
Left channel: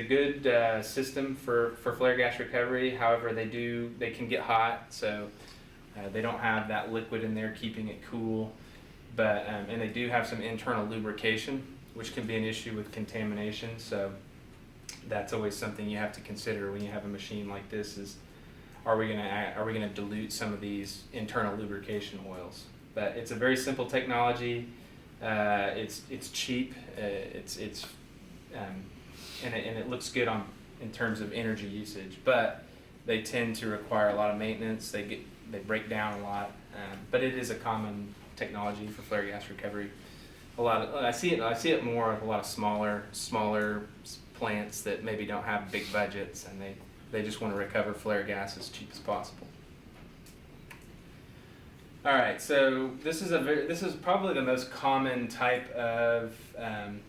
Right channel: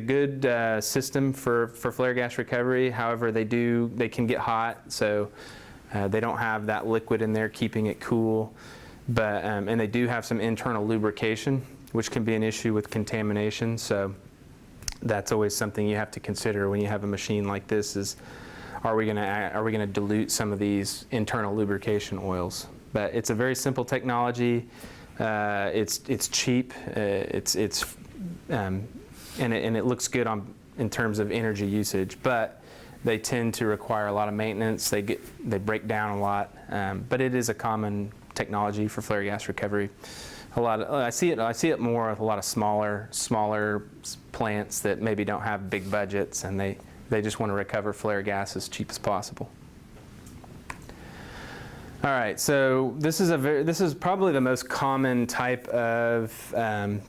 good system for flare gas recovery. However, they can get hot, so they don't have that liquid in there keeping it cool. But and they do have some internal lubrication, which can be an issue with contamination. So that's always something you have to consider when you have a machine like this: is are we gonna dilute some of these internal lubrication oils? But it's a very simple technology. It's cheap. And it looks good in terms of energy usage, but they tend to require a lot of maintenance. They break down a lot, but it is a common technology for flare gas recovery. I see it more with a lot of smaller plants that maybe don't have big budgets, and they just want to recover flare gas as cheap as possible. All right, so this is probably the most common type of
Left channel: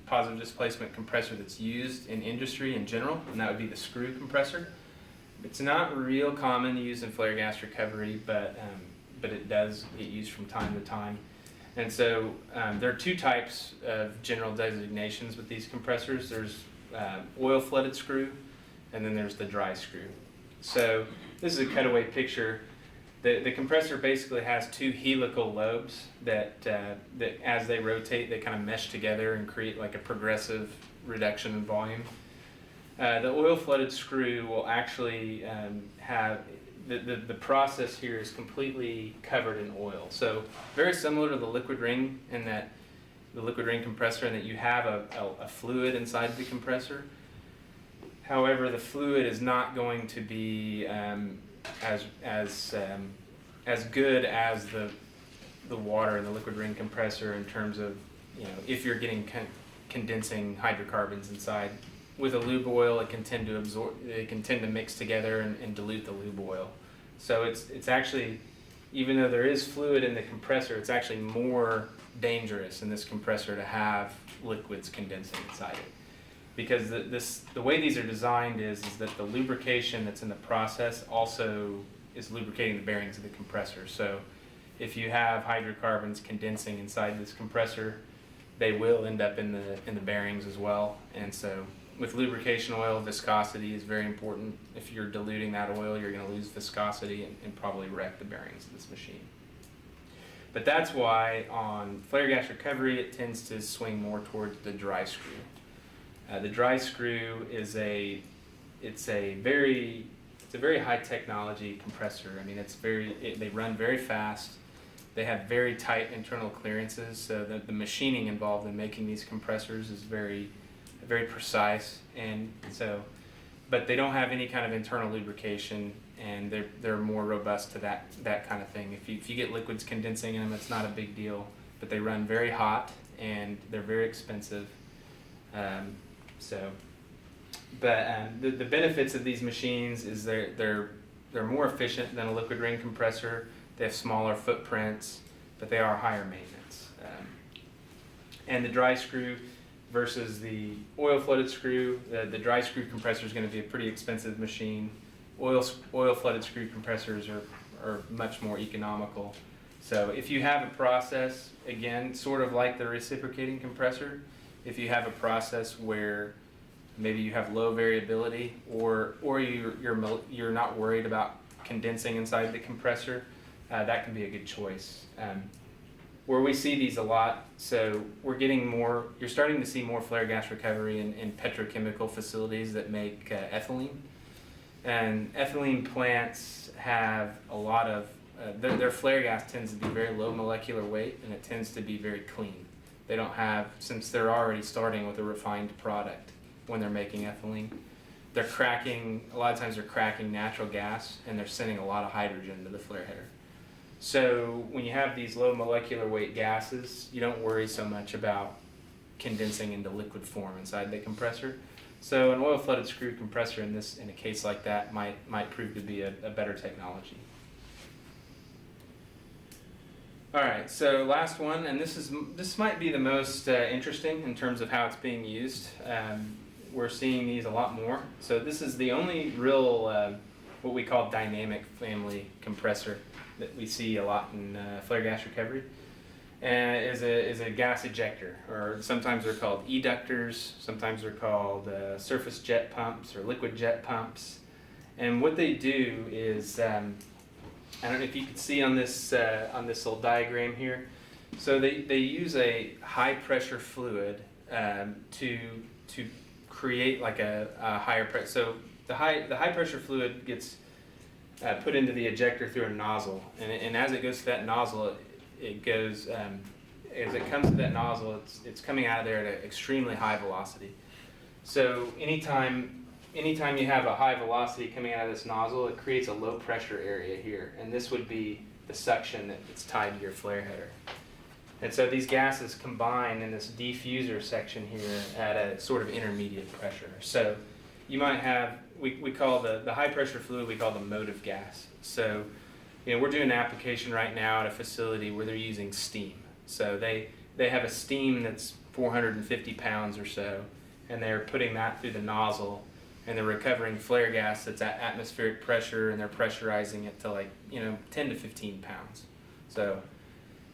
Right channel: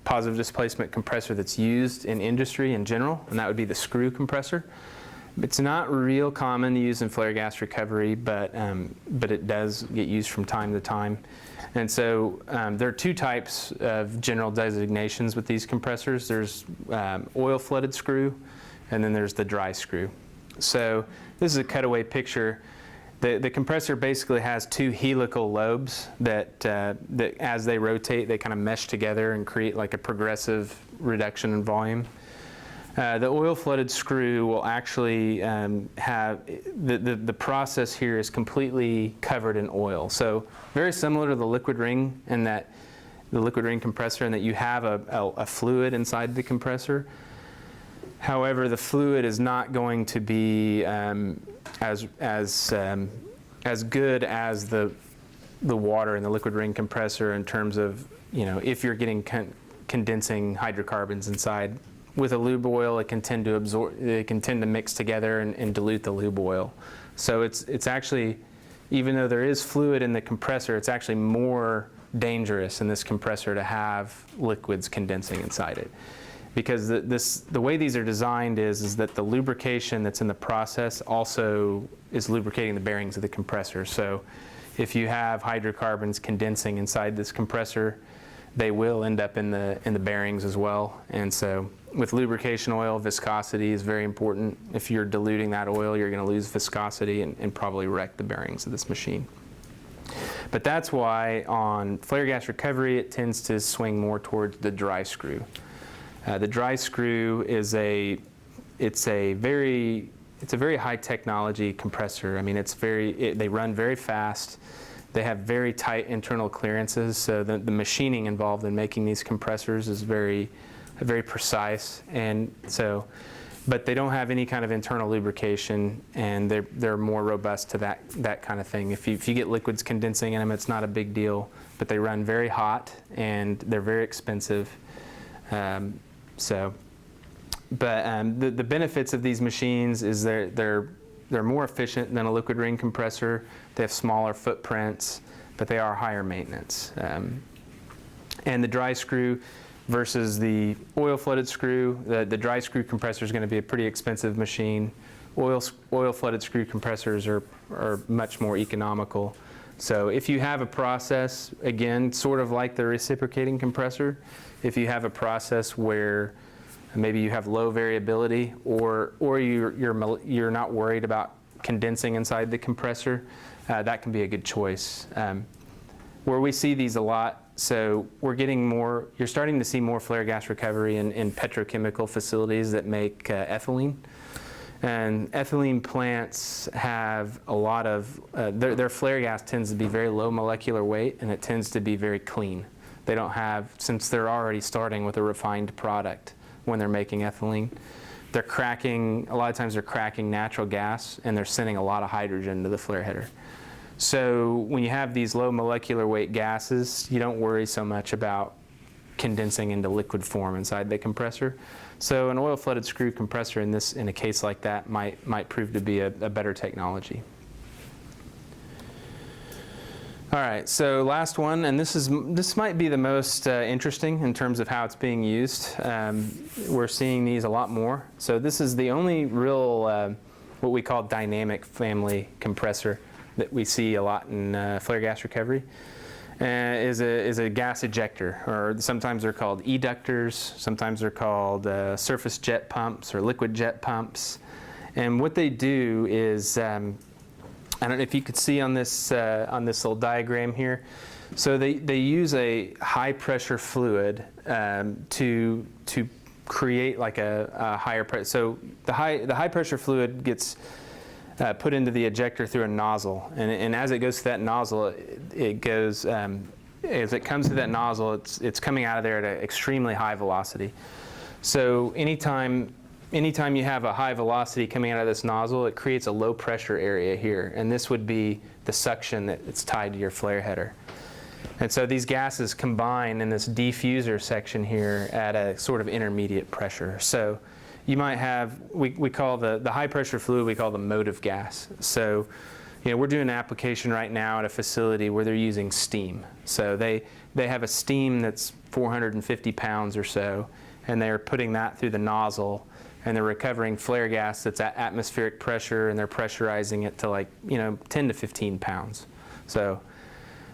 positive displacement compressor that's used in industry in general, and that would be the screw compressor. It's not real common to use in flare gas recovery, but it does get used from time to time. And so there are two types of general designations with these compressors. There's oil flooded screw, and then there's the dry screw. So this is a cutaway picture. The compressor basically has two helical lobes that as they rotate, they kind of mesh together and create like a progressive reduction in volume. The oil flooded screw will actually have, the process here is completely covered in oil. So very similar to the liquid ring, in that the liquid ring compressor, in that you have a fluid inside the compressor. However, the fluid is not going to be as good as the water and the liquid ring compressor in terms of, if you're getting condensing hydrocarbons inside. With a lube oil, it can tend to mix together and dilute the lube oil. So it's actually, even though there is fluid in the compressor, it's actually more dangerous in this compressor to have liquids condensing inside it. Because the way these are designed is that the lubrication that's in the process also is lubricating the bearings of the compressor. So if you have hydrocarbons condensing inside this compressor, they will end up in the bearings as well. And so with lubrication oil, viscosity is very important. If you're diluting that oil, you're going to lose viscosity and probably wreck the bearings of this machine. But that's why on flare gas recovery, it tends to swing more towards the dry screw. The dry screw is a very high technology compressor. I mean, they run very fast. They have very tight internal clearances, so the machining involved in making these compressors is very precise. And so, but they don't have any kind of internal lubrication, and they're more robust to that kind of thing. If you get liquids condensing in them, it's not a big deal. But they run very hot, and they're very expensive. The benefits of these machines is they're more efficient than a liquid ring compressor. They have smaller footprints, but they are higher maintenance. And the dry screw versus the oil flooded screw, the dry screw compressor is going to be a pretty expensive machine. Oil flooded screw compressors are much more economical. So if you have a process, again, sort of like the reciprocating compressor, if you have a process where maybe you have low variability or you're not worried about condensing inside the compressor, that can be a good choice. Where we see these a lot, so you're starting to see more flare gas recovery in petrochemical facilities that make ethylene. And ethylene plants have a lot of, their flare gas tends to be very low molecular weight, and it tends to be very clean. They don't have, since they're already starting with a refined product when they're making ethylene, a lot of times they're cracking natural gas, and they're sending a lot of hydrogen to the flare header. So when you have these low molecular weight gases, you don't worry so much about condensing into liquid form inside the compressor. So an oil flooded screw compressor in a case like that might prove to be a better technology. All right, so last one, and this might be the most interesting in terms of how it's being used. We're seeing these a lot more. So this is the only real what we call dynamic family compressor that we see a lot in flare gas recovery. Is a gas ejector, or sometimes they're called eductors, sometimes they're called surface jet pumps or liquid jet pumps. And what they do is, I don't know if you could see on this little diagram here. So they use a high pressure fluid to create like a higher pressure. So the high pressure fluid gets put into the ejector through a nozzle, and as it goes through that nozzle, it goes as it comes to that nozzle, it's coming out of there at an extremely high velocity. So anytime you have a high velocity coming out of this nozzle, it creates a low pressure area here, and this would be the suction that's tied to your flare header. And so these gases combine in this diffuser section here at a sort of intermediate pressure. So you might have, we call the high pressure fluid, we call the motive gas. So, we're doing an application right now at a facility where they're using steam. So they have a steam that's 450 pounds or so, and they're putting that through the nozzle, and they're recovering flare gas that's at atmospheric pressure, and they're pressurizing it to 10 to 15 pounds. So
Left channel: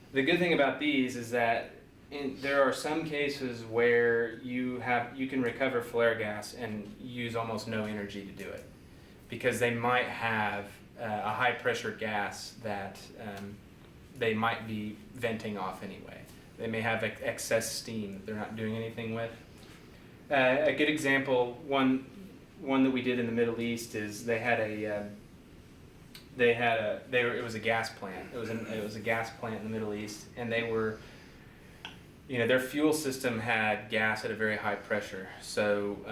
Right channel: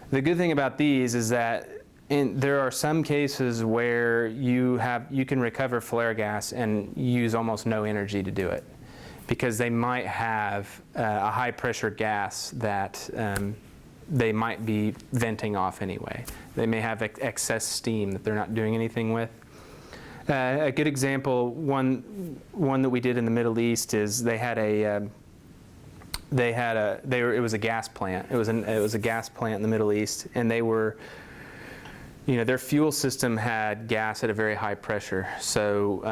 the good thing about these is that there are some cases where you can recover flare gas and use almost no energy to do it, because they might have a high pressure gas that they might be venting off anyway. They may have excess steam that they're not doing anything with. A good example, one that we did in the Middle East, is it was a gas plant. It was a gas plant in the Middle East, and they were, their fuel system had gas at a very high pressure. So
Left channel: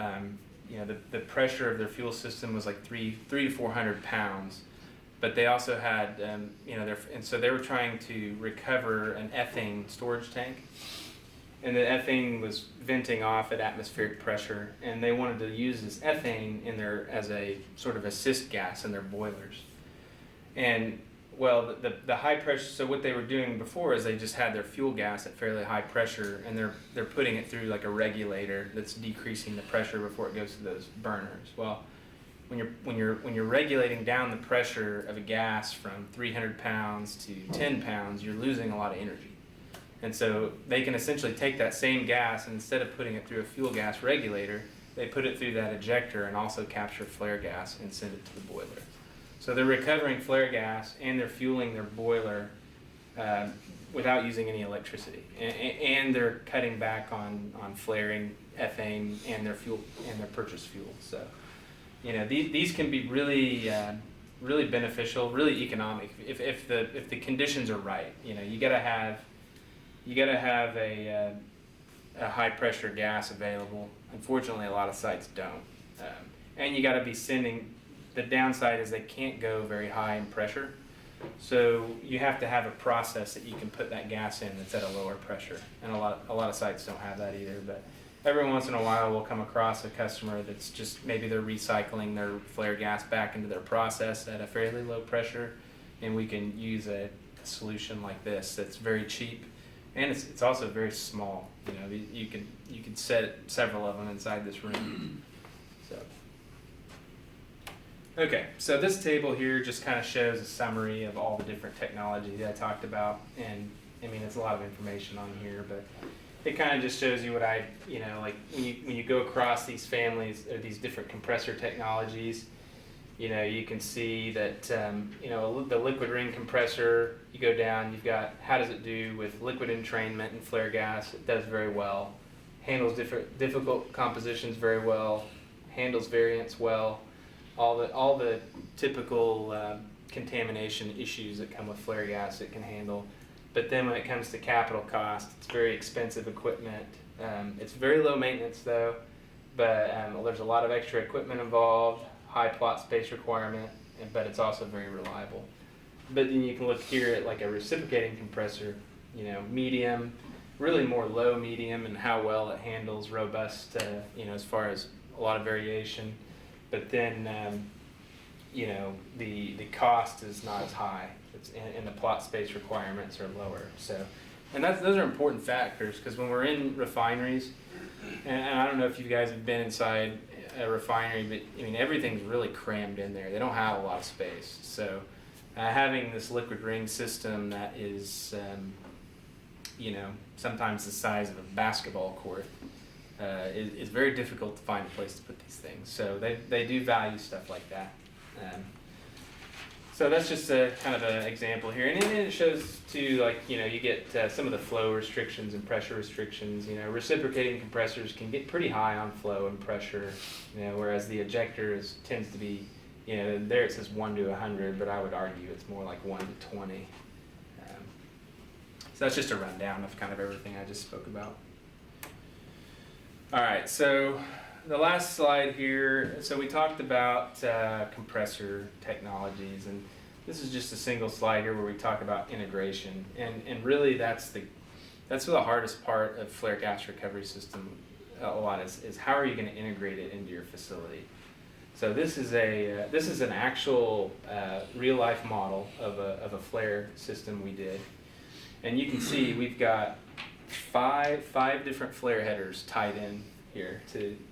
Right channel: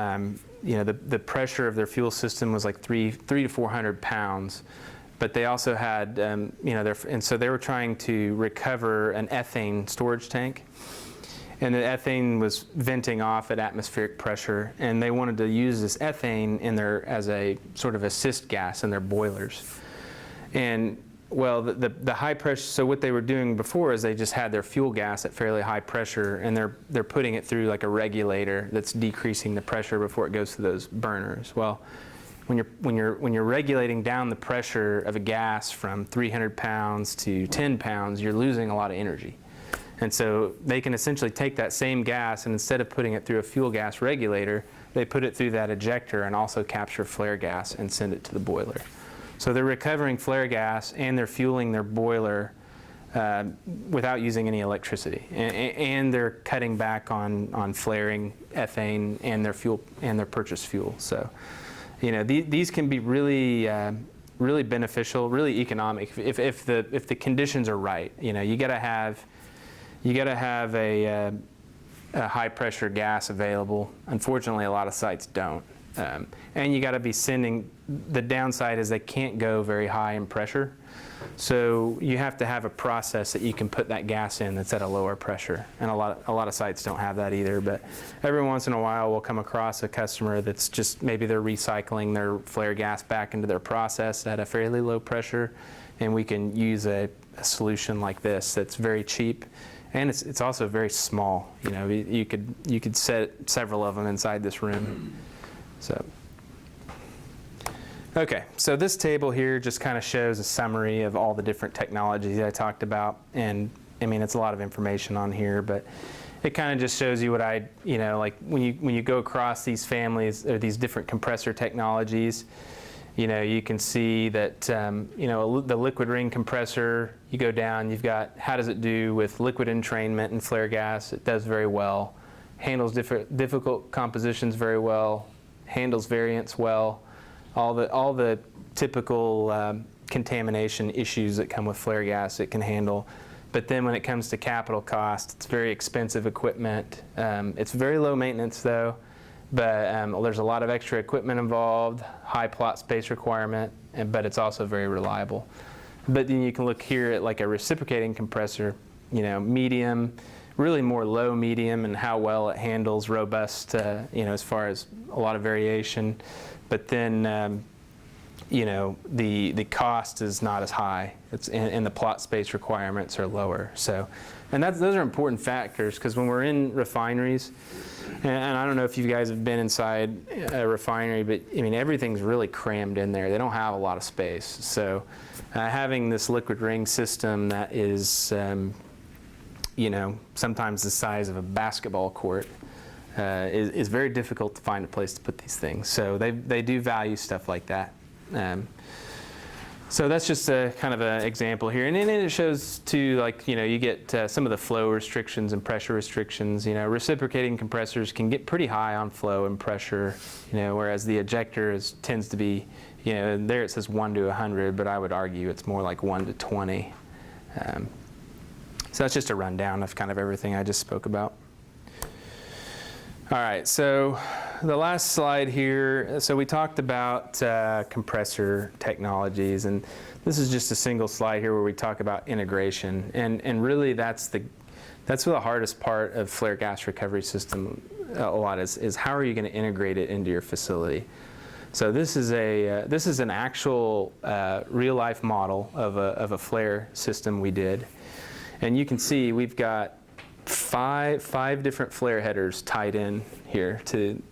the pressure of their fuel system was like 300 to 400 pounds. but they also had, and so they were trying to recover an ethane storage tank. And the ethane was venting off at atmospheric pressure, and they wanted to use this ethane as a sort of assist gas in their boilers. And well, the high pressure. So what they were doing before is they just had their fuel gas at fairly high pressure, and they're putting it through like a regulator that's decreasing the pressure before it goes to those burners. Well, when you're regulating down the pressure of a gas from 300 pounds to 10 pounds, you're losing a lot of energy. And so they can essentially take that same gas, and instead of putting it through a fuel gas regulator, they put it through that ejector and also capture flare gas and send it to the boiler. So they're recovering flare gas and they're fueling their boiler without using any electricity. And they're cutting back on flaring ethane and their fuel and their purchased fuel. So, these can be really really beneficial, really economic if the conditions are right. You got to have a high pressure gas available. Unfortunately, a lot of sites don't. And you got to be sending. The downside is they can't go very high in pressure, so you have to have a process that you can put that gas in that's at a lower pressure. And a lot of sites don't have that either. But every once in a while, we'll come across a customer that's just maybe they're recycling their flare gas back into their process at a fairly low pressure, and we can use a solution like this that's very cheap. And it's also very small. You could set several of them inside this room. So, okay, so this table here just kind of shows a summary of all the different technologies I talked about, and I mean it's a lot of information on here, but it kind of just shows you what like when you go across these families or these different compressor technologies. You can see that, the liquid ring compressor, you go down, you've got how does it do with liquid entrainment and flare gas. It does very well. Handles difficult compositions very well. Handles variance well. All the typical contamination issues that come with flare gas it can handle. But then when it comes to capital cost, it's very expensive equipment. It's very low maintenance though, but there's a lot of extra equipment involved. High plot space requirement, but it's also very reliable. But then you can look here at like a reciprocating compressor, medium, really more low medium, and how well it handles robust, as far as a lot of variation. But then, the cost is not as high. And the plot space requirements are lower. So, and those are important factors because when we're in refineries. And I don't know if you guys have been inside a refinery, but I mean everything's really crammed in there. They don't have a lot of space. So having this liquid ring system that is, sometimes the size of a basketball court is very difficult to find a place to put these things. So they do value stuff like that. So that's just a kind of an example here. And then it shows too, you get some of the flow restrictions and pressure restrictions. Reciprocating compressors can get pretty high on flow and pressure, whereas the ejector tends to be, there it says 1 to 100, but I would argue it's more like 1 to 20. So that's just a rundown of kind of everything I just spoke about. All right, so the last slide here. So we talked about compressor technologies, and this is just a single slide here where we talk about integration, and really that's the hardest part of flare gas recovery system a lot is how are you going to integrate it into your facility. So this is an actual real life model of a flare system we did, and you can see we've got five different flare headers tied in here.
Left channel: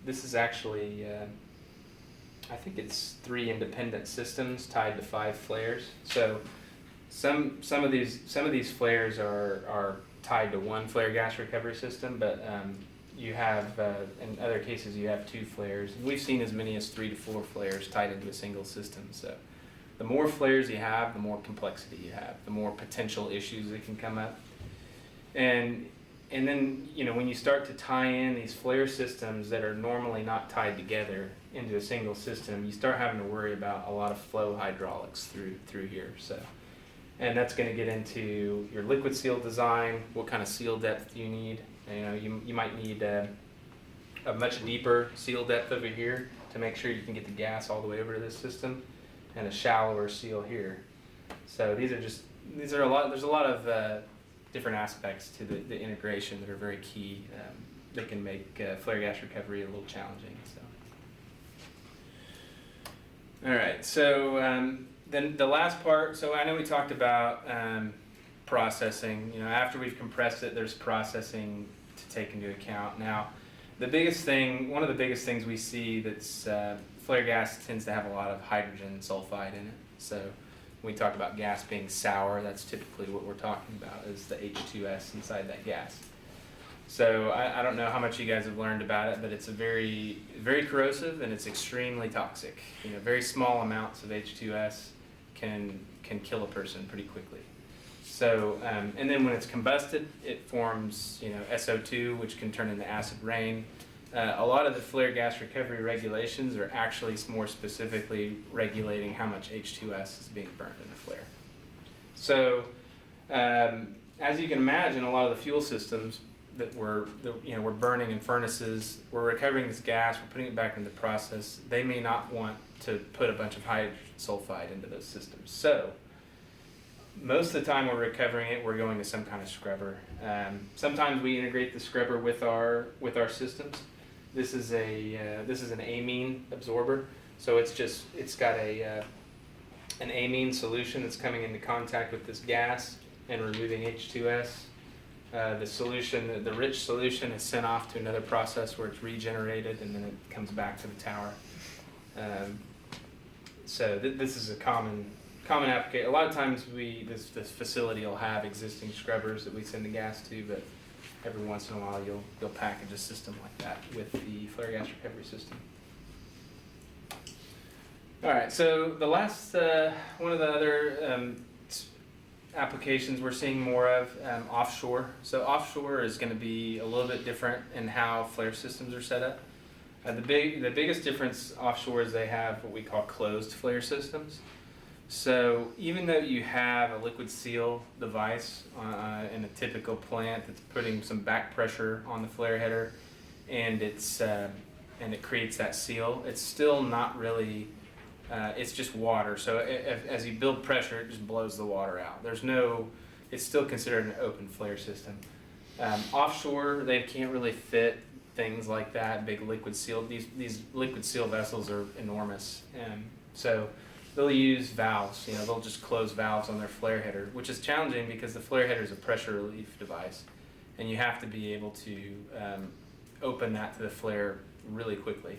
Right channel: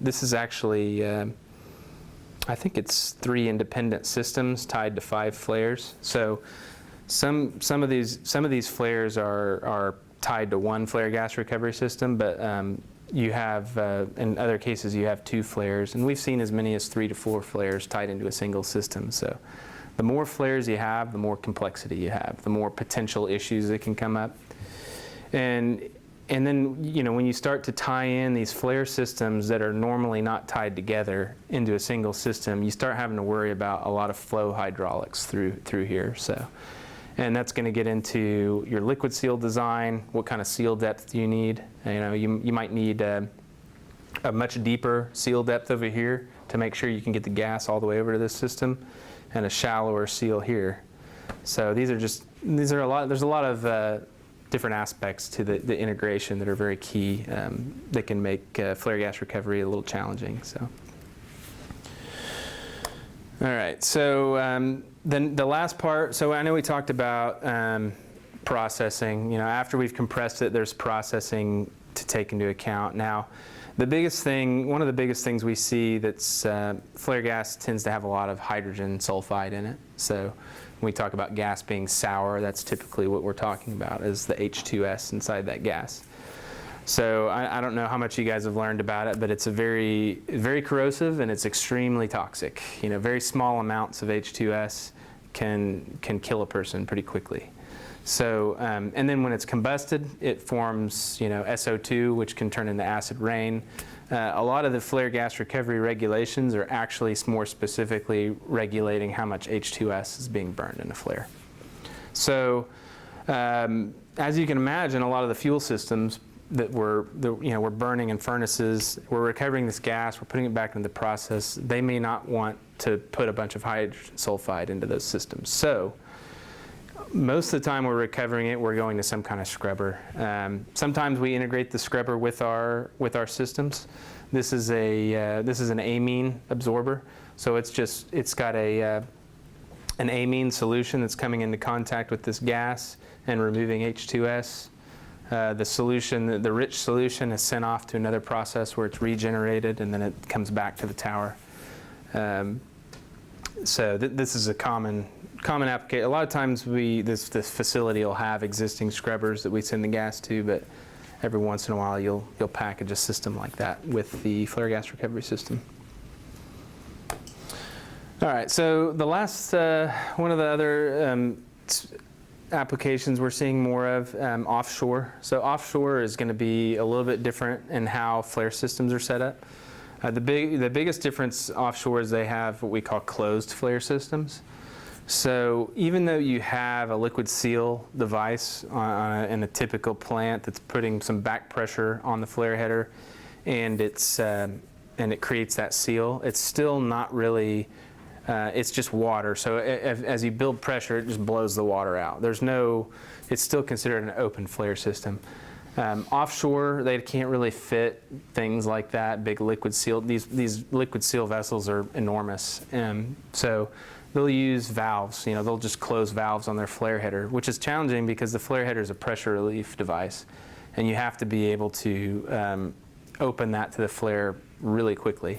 This is actually I think it's 3 independent systems tied to 5 flares. So some of these flares are tied to 1 flare gas recovery system, but you have in other cases you have 2 flares, and we've seen as many as 3 to 4 flares tied into a single system. So the more flares you have, the more complexity you have, the more potential issues that can come up. And then, when you start to tie in these flare systems that are normally not tied together into a single system, you start having to worry about a lot of flow hydraulics through here. So, and that's going to get into your liquid seal design, what kind of seal depth do you need. You might need a much deeper seal depth over here to make sure you can get the gas all the way over to this system. and a shallower seal here. So there's a lot of different aspects to the integration that are very key that can make flare gas recovery a little challenging. So, all right. So then the last part. So I know we talked about processing. After we've compressed it, there's processing to take into account. Now, one of the biggest things we see that's flare gas tends to have a lot of hydrogen sulfide in it. So when we talk about gas being sour, that's typically what we're talking about, is the H2S inside that gas. So I don't know how much you guys have learned about it, but it's very corrosive and it's extremely toxic. Very small amounts of H2S can kill a person pretty quickly. So, and then when it's combusted, it forms, SO2, which can turn into acid rain. A lot of the flare gas recovery regulations are actually more specifically regulating how much H2S is being burned in a flare. So, as you can imagine, a lot of the fuel systems that we're burning in furnaces, we're recovering this gas, we're putting it back into the process. They may not want to put a bunch of hydrogen sulfide into those systems. So, most of the time we're recovering it, we're going to some kind of scrubber. Sometimes we integrate the scrubber with our systems. This is an amine absorber, so it's got an amine solution that's coming into contact with this gas and removing H2S. The rich solution is sent off to another process where it's regenerated, and then it comes back to the tower. So this is a common application. A lot of times this facility will have existing scrubbers that we send the gas to, but every once in a while you'll package a system like that with the flare gas recovery system. All right, so the last one of the other applications we're seeing more of, offshore. So offshore is going to be a little bit different in how flare systems are set up. The biggest difference offshore is they have what we call closed flare systems. So even though you have a liquid seal device in a typical plant that's putting some back pressure on the flare header, and it creates that seal, it's still not really. It's just water. So as you build pressure, it just blows the water out. It's still considered an open flare system. Offshore, they can't really fit things like that. Big liquid seal. These liquid seal vessels are enormous, so they'll use valves. They'll just close valves on their flare header, which is challenging because the flare header is a pressure relief device, and you have to be able to open that to the flare really quickly.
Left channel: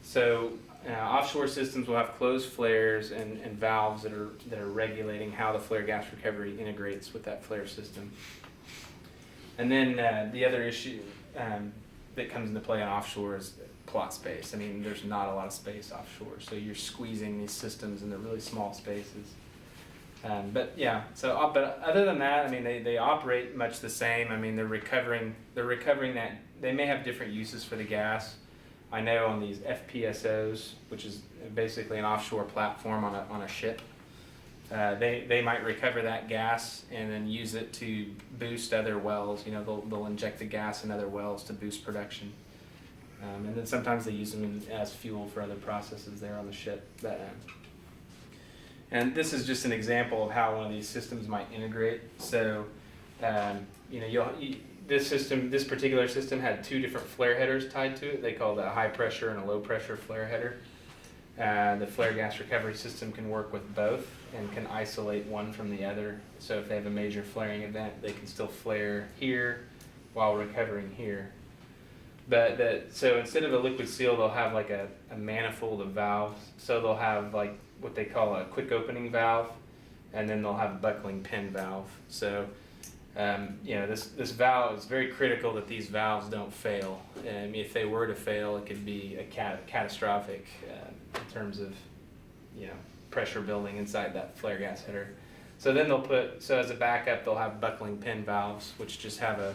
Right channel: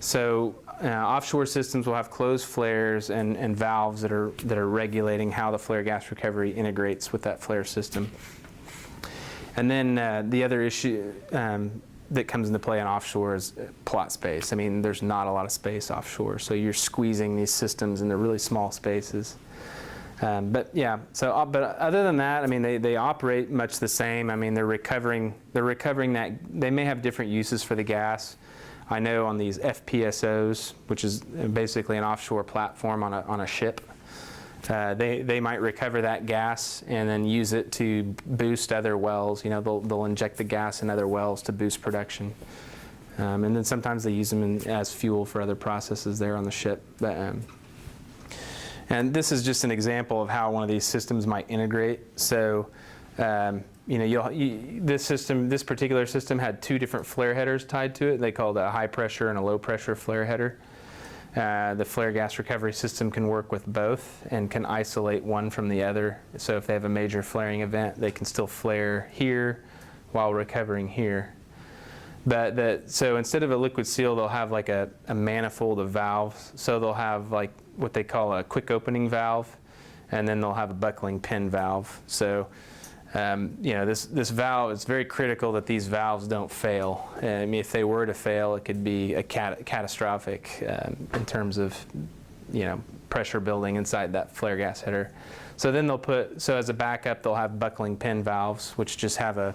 So offshore systems will have closed flares and valves that are regulating how the flare gas recovery integrates with that flare system. And then the other issue that comes into play in offshore is plot space. I mean, there's not a lot of space offshore, so you're squeezing these systems into really small spaces. But other than that, I mean, they operate much the same. I mean, they're recovering that. They may have different uses for the gas. I know on these FPSOs, which is basically an offshore platform on a ship, they might recover that gas and then use it to boost other wells. They'll inject the gas in other wells to boost production. And then sometimes they use them as fuel for other processes there on the ship. And this is just an example of how one of these systems might integrate. So, this particular system had two different flare headers tied to it. They called a high pressure and a low pressure flare header. The flare gas recovery system can work with both and can isolate one from the other. So if they have a major flaring event, they can still flare here while recovering here. So instead of a liquid seal, they'll have like a manifold of valves. So they'll have like what they call a quick opening valve, and then they'll have a buckling pin valve. So this valve, it's very critical that these valves don't fail. I mean, if they were to fail, it could be a catastrophic in terms of, pressure building inside that flare gas header. So then as a backup, they'll have buckling pin valves, which just have a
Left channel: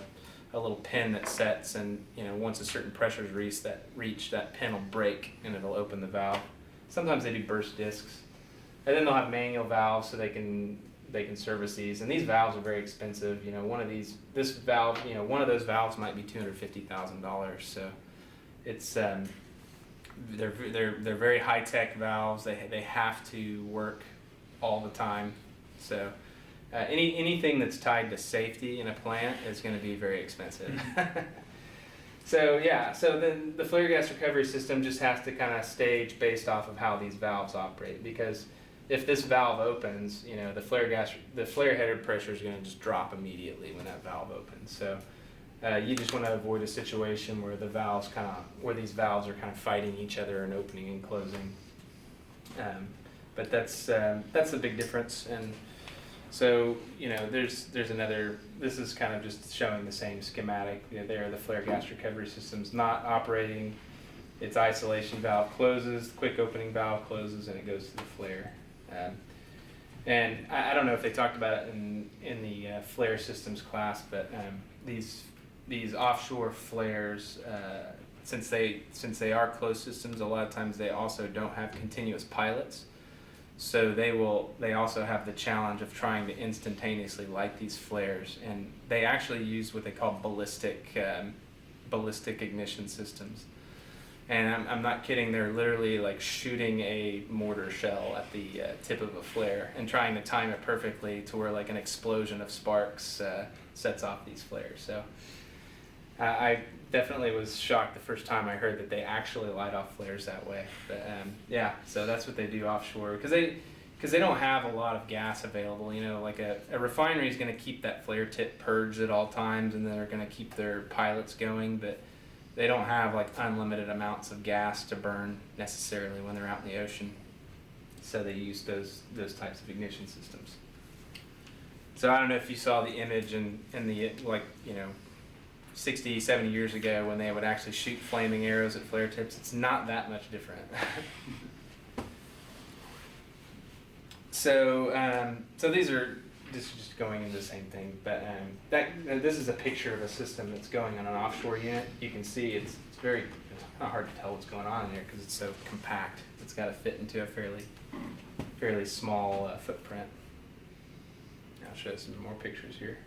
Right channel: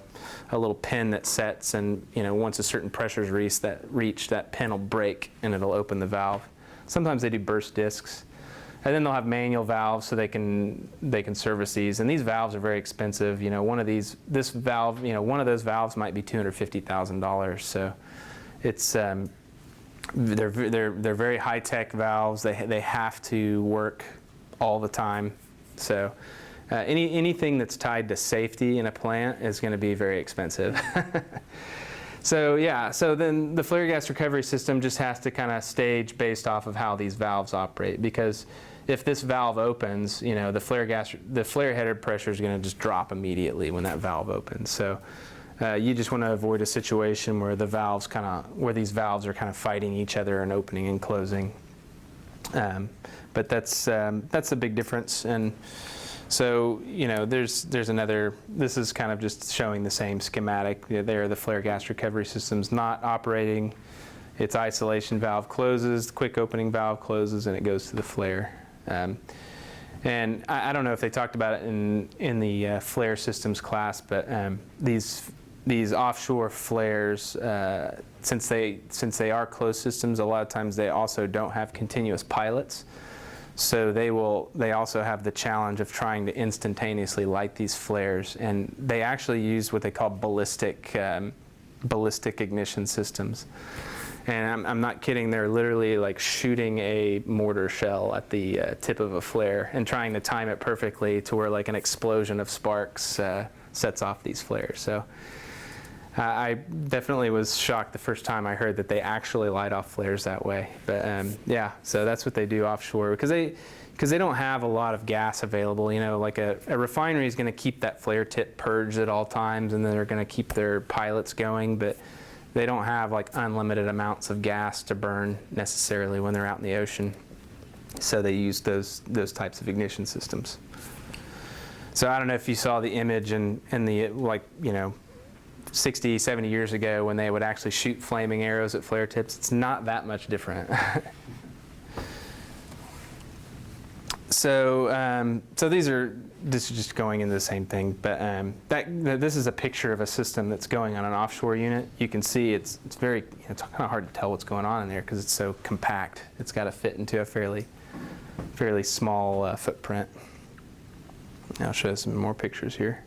little pin that sets, and once a certain pressure is reached, that pin will break and it'll open the valve. Sometimes they do burst discs. And then they'll have manual valves so they can service these. And these valves are very expensive. One of those valves might be $250,000. So it's They're very high-tech valves. They have to work all the time. So anything that's tied to safety in a plant is going to be very expensive. So yeah, so then the flare gas recovery system just has to kind of stage based off of how these valves operate, because if this valve opens, you know, the flare header pressure is going to just drop immediately when that valve opens. So you just want to avoid a situation where these valves are kind of fighting each other and opening and closing. But that's a big difference. And so, you know, there's another, this is kind of just showing the same schematic. There, the flare gas recovery system's not operating. Its isolation valve closes, the quick opening valve closes, and it goes to the flare. And I don't know if they talked about it in the flare systems class, but these offshore flares, since they are closed systems, a lot of times they also don't have continuous pilots. So they also have the challenge of trying to instantaneously light these flares, and they actually use what they call ballistic ignition systems. And I'm not kidding, they're literally like shooting a mortar shell at the tip of a flare and trying to time it perfectly to where like an explosion of sparks sets off these flares. So I definitely was shocked the first time I heard that they actually light off flares that way. But yeah, so that's what they do offshore, because they don't have a lot of gas available. You know, like a refinery is going to keep that flare tip purged at all times, and they're going to keep their pilots going, but they don't have like unlimited amounts of gas to burn necessarily when they're out in the ocean. So they use those types of ignition systems. So I don't know if you saw the image in the, like, you know, 60, 70 years ago when they would actually shoot flaming arrows at flare tips. It's not that much different. So this is just going into the same thing, but this is a picture of a system that's going on an offshore unit. You can see it's kind of hard to tell what's going on in there because it's so compact. It's got to fit into a fairly small footprint. I'll show you some more pictures here.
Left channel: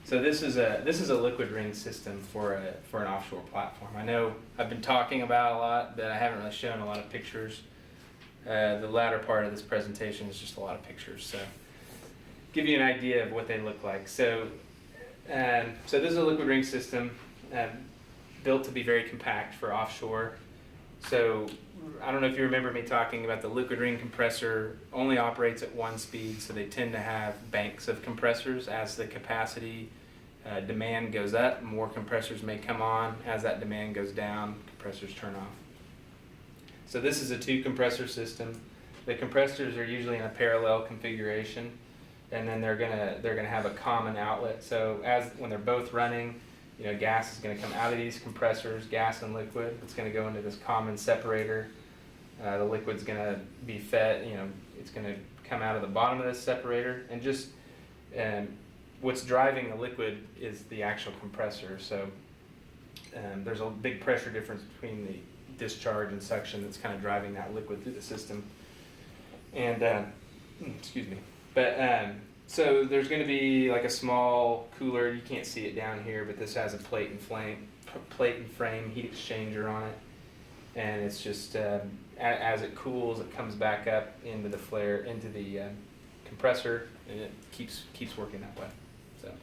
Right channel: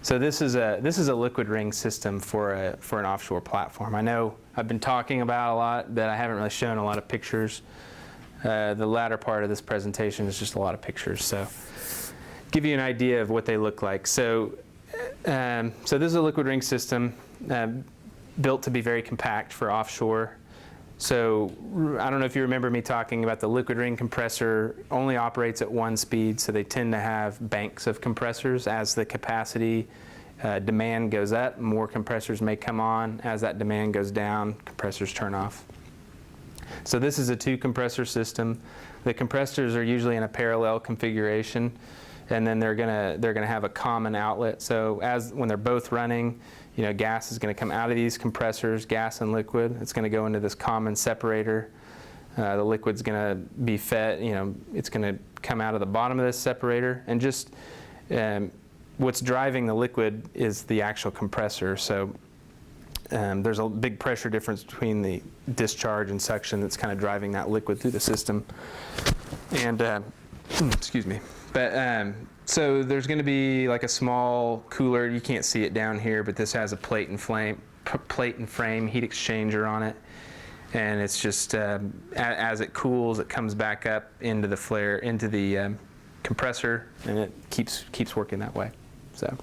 So this is a liquid ring system for an offshore platform. I know I've been talking about a lot, but I haven't really shown a lot of pictures. The latter part of this presentation is just a lot of pictures. So give you an idea of what they look like. So this is a liquid ring system built to be very compact for offshore. So I don't know if you remember me talking about the liquid ring compressor only operates at one speed, so they tend to have banks of compressors. As the capacity demand goes up, more compressors may come on. As that demand goes down, compressors turn off. So this is a two compressor system. The compressors are usually in a parallel configuration, and then they're gonna have a common outlet. So when they're both running, you know, gas is going to come out of these compressors, gas and liquid. It's going to go into this common separator. The liquid's going to be fed, you know, it's going to come out of the bottom of this separator. And just what's driving the liquid is the actual compressor. So there's a big pressure difference between the discharge and suction that's kind of driving that liquid through the system. And, excuse me. But so there's going to be like a small cooler. You can't see it down here, but this has a plate and frame heat exchanger on it, and it's just as it cools, it comes back up into the flare, into the compressor, and it keeps working that way. So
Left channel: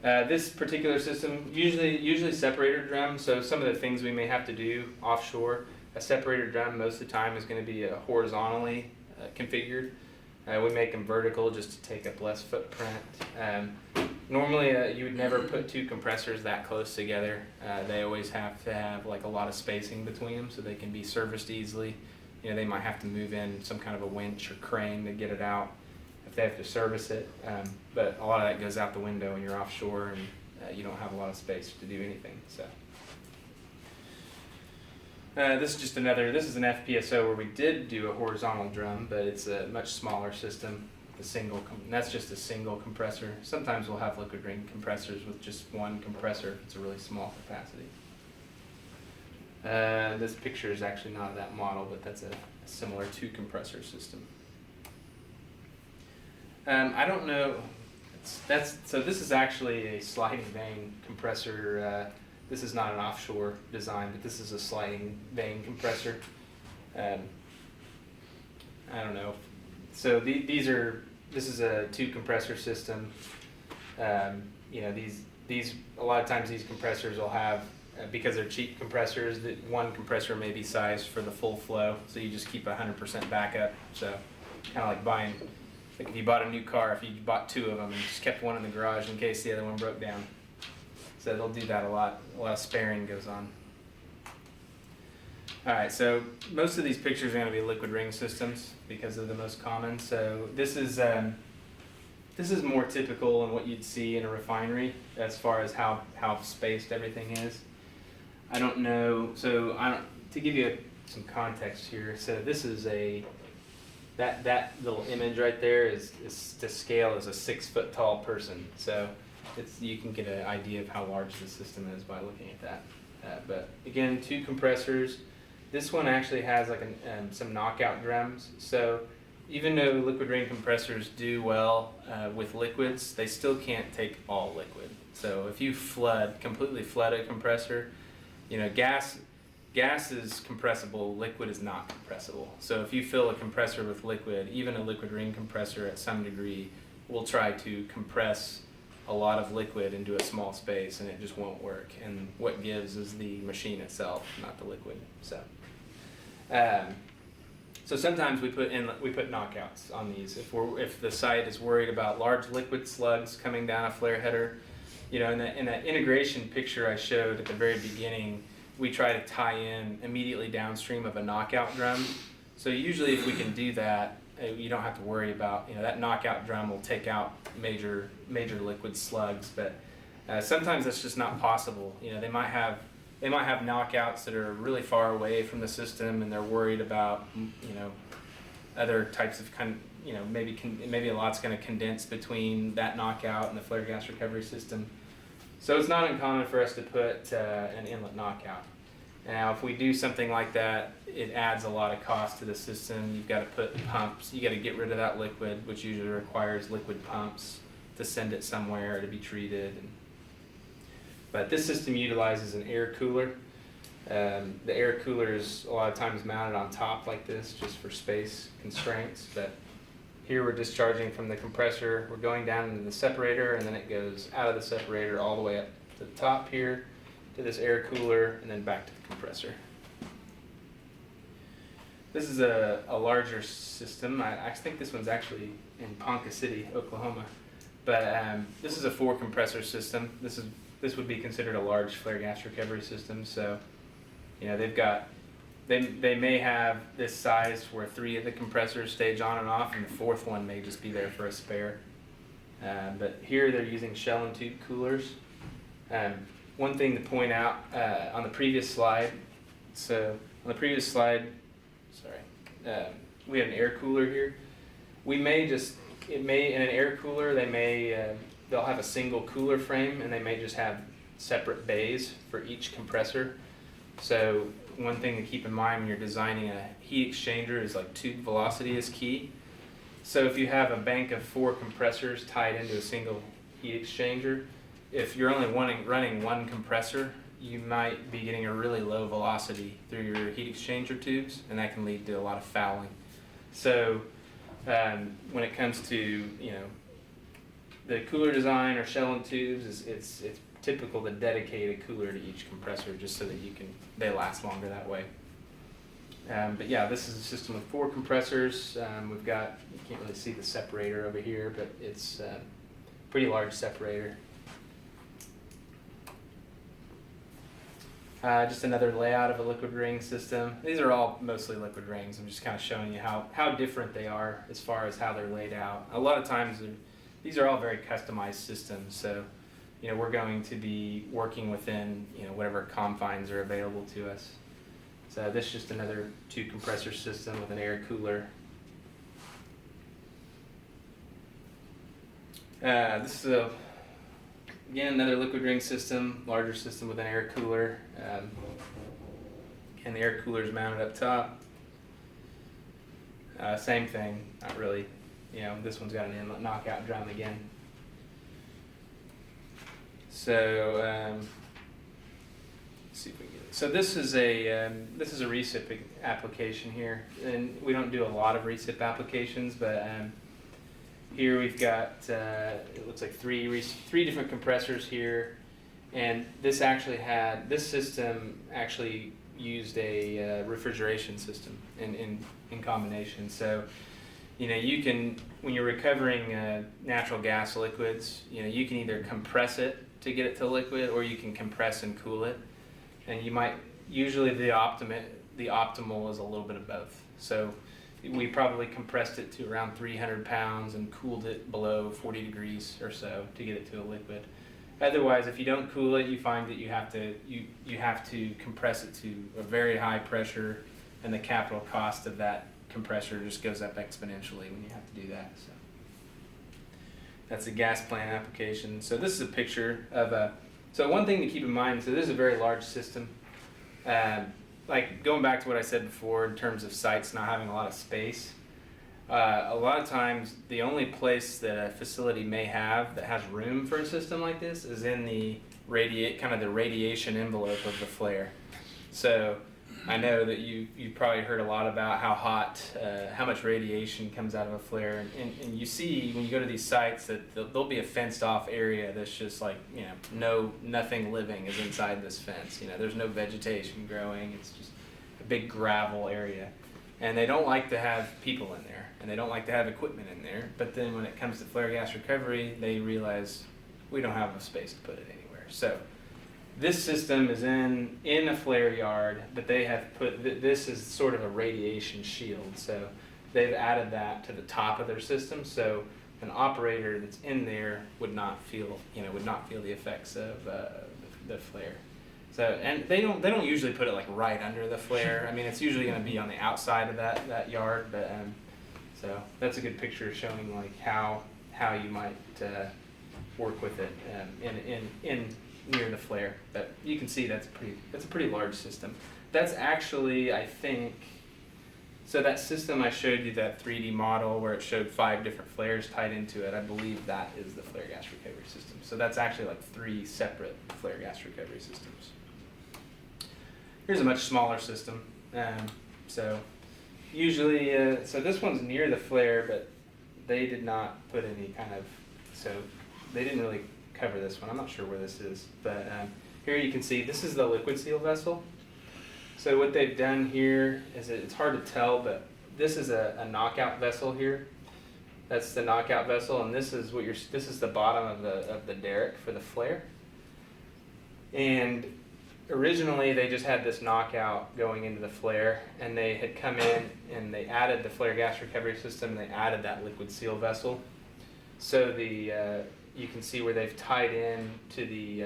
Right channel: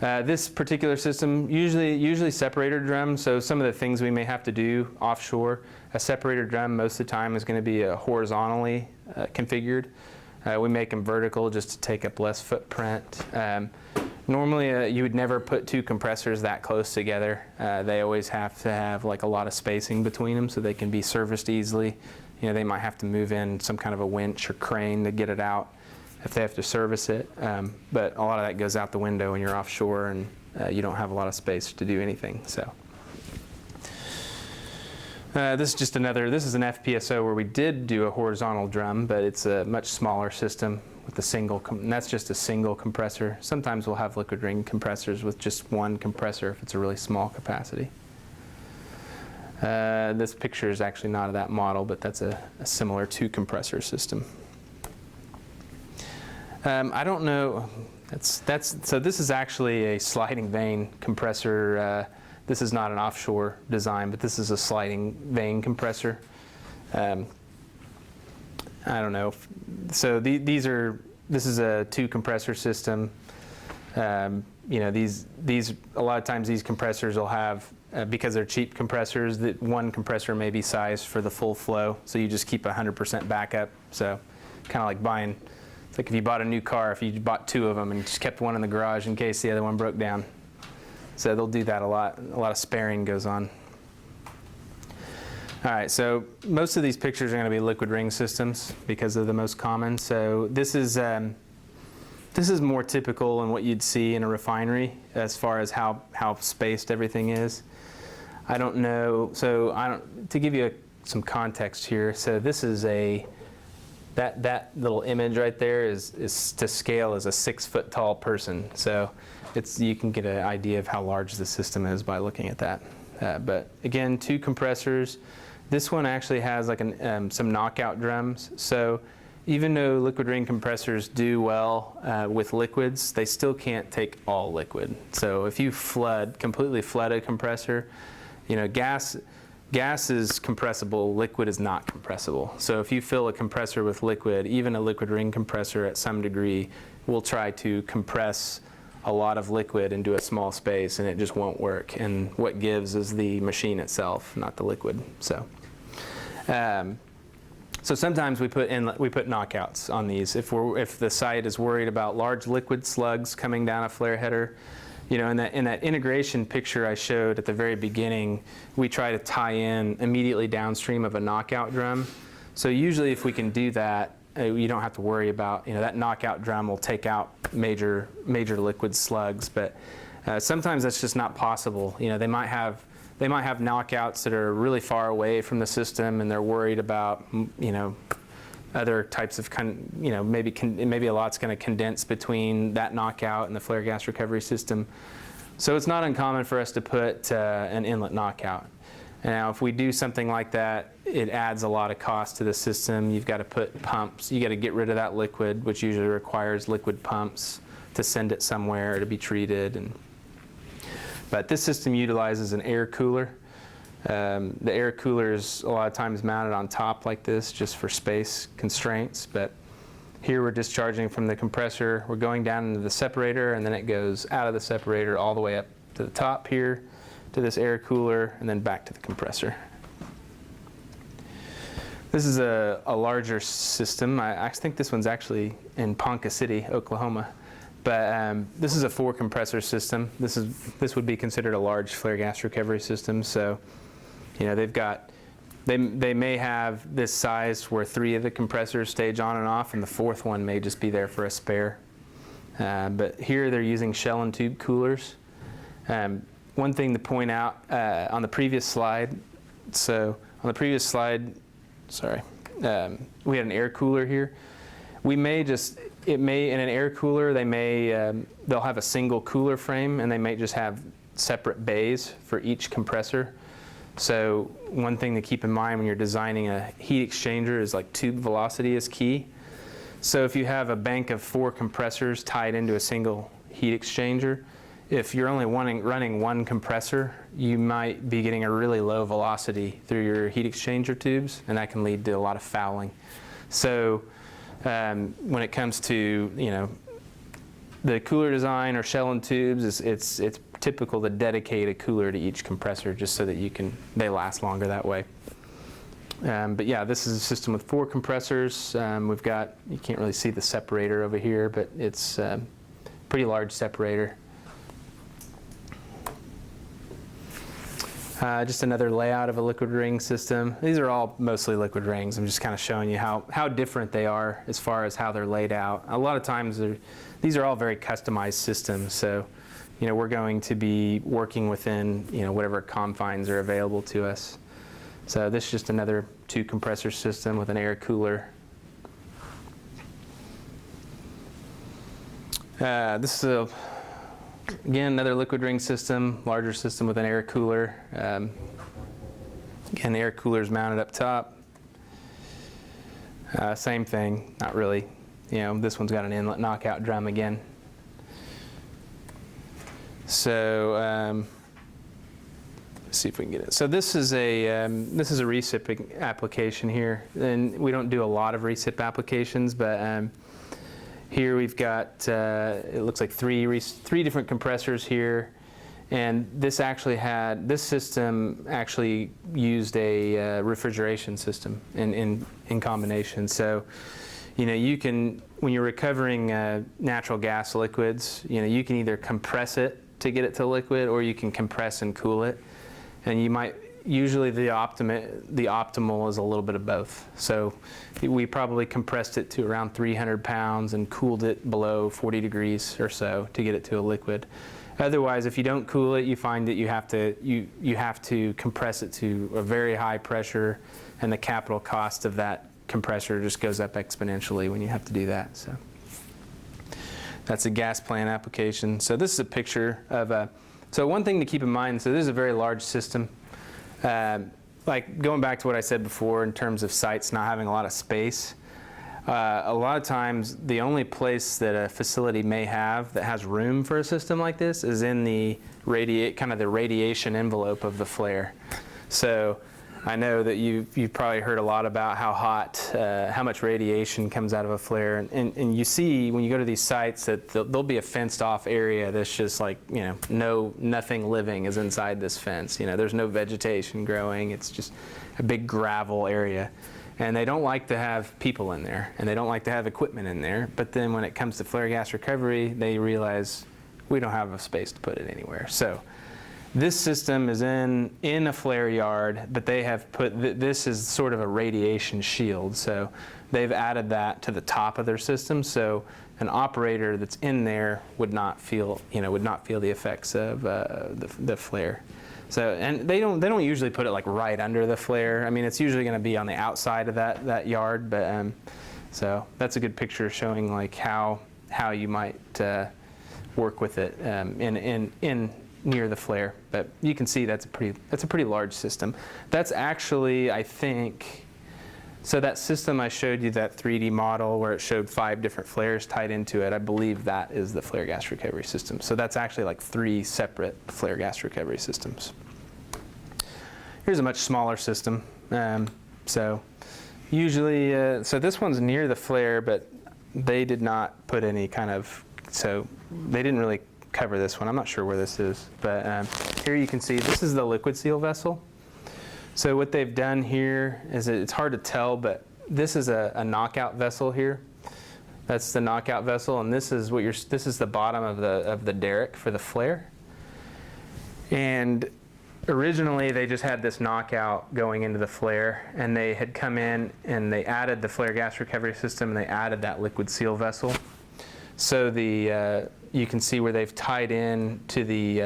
this particular system usually separator drum. So some of the things we may have to do offshore, a separator drum most of the time is going to be horizontally configured. We make them vertical just to take up less footprint. Normally, you would never put two compressors that close together. They always have to have like a lot of spacing between them so they can be serviced easily. You know, they might have to move in some kind of a winch or crane to get it out if they have to service it. But a lot of that goes out the window when you're offshore and you don't have a lot of space to do anything. So. This is an FPSO where we did do a horizontal drum, but it's a much smaller system with and that's just a single compressor. Sometimes we'll have liquid ring compressors with just one compressor if it's a really small capacity. This picture is actually not of that model, but that's a similar two compressor system. I don't know. So this is actually a sliding vane compressor. this is not an offshore design, but this is a sliding vane compressor. I don't know. So this is a 2 compressor system. You know, these a lot of times these compressors will have, because they're cheap compressors, that one compressor may be sized for the full flow, so you just keep 100% backup. So kind of like buying, it's like if you bought a new car, if you bought 2 of them and you just kept one in the garage in case the other one broke down. So they'll do that a lot. A lot of sparing goes on. All right, so most of these pictures are going to be liquid ring systems because they're the most common. So this is more typical in what you'd see in a refinery as far as how spaced everything is. I don't know, so to give you some context here, so this is that little image right there is to scale as a 6-foot tall person. So you can get an idea of how large the system is by looking at that. But again, 2 compressors. This one actually has like some knockout drums. So even though liquid ring compressors do well with liquids, they still can't take all liquid. So if you completely flood a compressor, you know, gas is compressible, liquid is not compressible. So if you fill a compressor with liquid, even a liquid ring compressor at some degree will try to compress a lot of liquid into a small space, and it just won't work. And what gives is the machine itself, not the liquid. So sometimes we put knockouts on these if the site is worried about large liquid slugs coming down a flare header. You know, in that integration picture I showed at the very beginning, we try to tie in immediately downstream of a knockout drum. So usually if we can do that, you don't have to worry about, you know, that knockout drum will take out major liquid slugs. But sometimes that's just not possible. You know, they might have knockouts that are really far away from the system, and they're worried about, you know, other types of, you know, maybe a lot's going to condense between that knockout and the flare gas recovery system. So it's not uncommon for us to put an inlet knockout. Now, if we do something like that, it adds a lot of cost to the system. You've got to put pumps. You got to get rid of that liquid, which usually requires liquid pumps to send it somewhere to be treated. But this system utilizes an air cooler. The air cooler is a lot of times mounted on top like this just for space constraints. But here we're discharging from the compressor. We're going down into the separator, and then it goes out of the separator all the way up to the top here, to this air cooler, and then back to the compressor. This is a larger system. I think this one's actually in Ponca City, Oklahoma. But this is a 4 compressor system. This would be considered a large flare gas recovery system. So, you know, they may have this size where 3 of the compressors stage on and off, and the 4th one may just be there for a spare. But here they're using shell and tube coolers. One thing to point out on the previous slide, we had an air cooler here. In an air cooler, they'll have a single cooler frame, and they may just have separate bays for each compressor. So one thing to keep in mind when you're designing a heat exchanger is like tube velocity is key. So if you have a bank of 4 compressors tied into a single heat exchanger, if you're only running one compressor, you might be getting a really low velocity through your heat exchanger tubes, and that can lead to a lot of fouling. So when it comes to, you know, the cooler design or shell and tubes, it's typical to dedicate a cooler to each compressor just so that they last longer that way. But yeah, this is a system with 4 compressors. We've got, you can't really see the separator over here, but it's a pretty large separator. Just another layout of a liquid ring system. These are all mostly liquid rings. I'm just kind of showing you how different they are as far as how they're laid out. A lot of times these are all very customized systems, so you know, we're going to be working within, you know, whatever confines are available to us. So this is just another 2 compressor system with an air cooler. This is again another liquid ring system, larger system with an air cooler. Again, the air cooler is mounted up top. Same thing, not really. You know, this one's got an inlet knockout drum again. So see if we can get it. So this is a recip application here, and we don't do a lot of recip applications, but here we've got it looks like three different compressors here, and this system actually used a refrigeration system in combination. So you can, when you're recovering natural gas liquids, you can either compress it to get it to liquid, or you can compress and cool it. And usually the optimal is a little bit of both. So we probably compressed it to around 300 pounds and cooled it below 40 degrees or so to get it to a liquid. Otherwise, if you don't cool it, you find that you have to compress it to a very high pressure, and the capital cost of that compressor just goes up exponentially when you have to do that. So that's a gas plant application. So this is a picture of so one thing to keep in mind, so this is a very large system. Like going back to what I said before in terms of sites not having a lot of space, a lot of times the only place that a facility may have that has room for a system like this is in the radiation envelope of the flare. So I know that you've probably heard a lot about how much radiation comes out of a flare, and you see when you go to these sites that there'll be a fenced off area that's just like, nothing living is inside this fence. There's no vegetation growing. It's just a big gravel area, and they don't like to have people in there, and they don't like to have equipment in there. But then when it comes to flare gas recovery, they realize we don't have a space to put it anywhere. So this system is in a flare yard, but they have put, this is sort of a radiation shield. So they've added that to the top of their system. So an operator that's in there would not feel the effects of the flare. So, and they don't usually put it like right under the flare. I mean, it's usually going to be on the outside of that yard. But so that's a good picture showing like how you might work with it in near the flare. But you can see that's a pretty large system. That's actually, I think, so that system I showed you, that 3D model where it showed 5 different flares tied into it, I believe that is the flare gas recovery system. So that's actually like 3 separate flare gas recovery systems. Here's a much smaller system. So usually, so this one's near the flare, but they did not put any kind of, so they didn't really cover this one. I'm not sure where this is, but here you can see this is the liquid seal vessel. So what they've done here is it's hard to tell, but this is a knockout vessel here. That's the knockout vessel, and this is the bottom of the derrick for the flare. And originally they just had this knockout going into the flare, and they had come in and they added the flare gas recovery system, and they added that liquid seal vessel. So you can see where they've tied in to the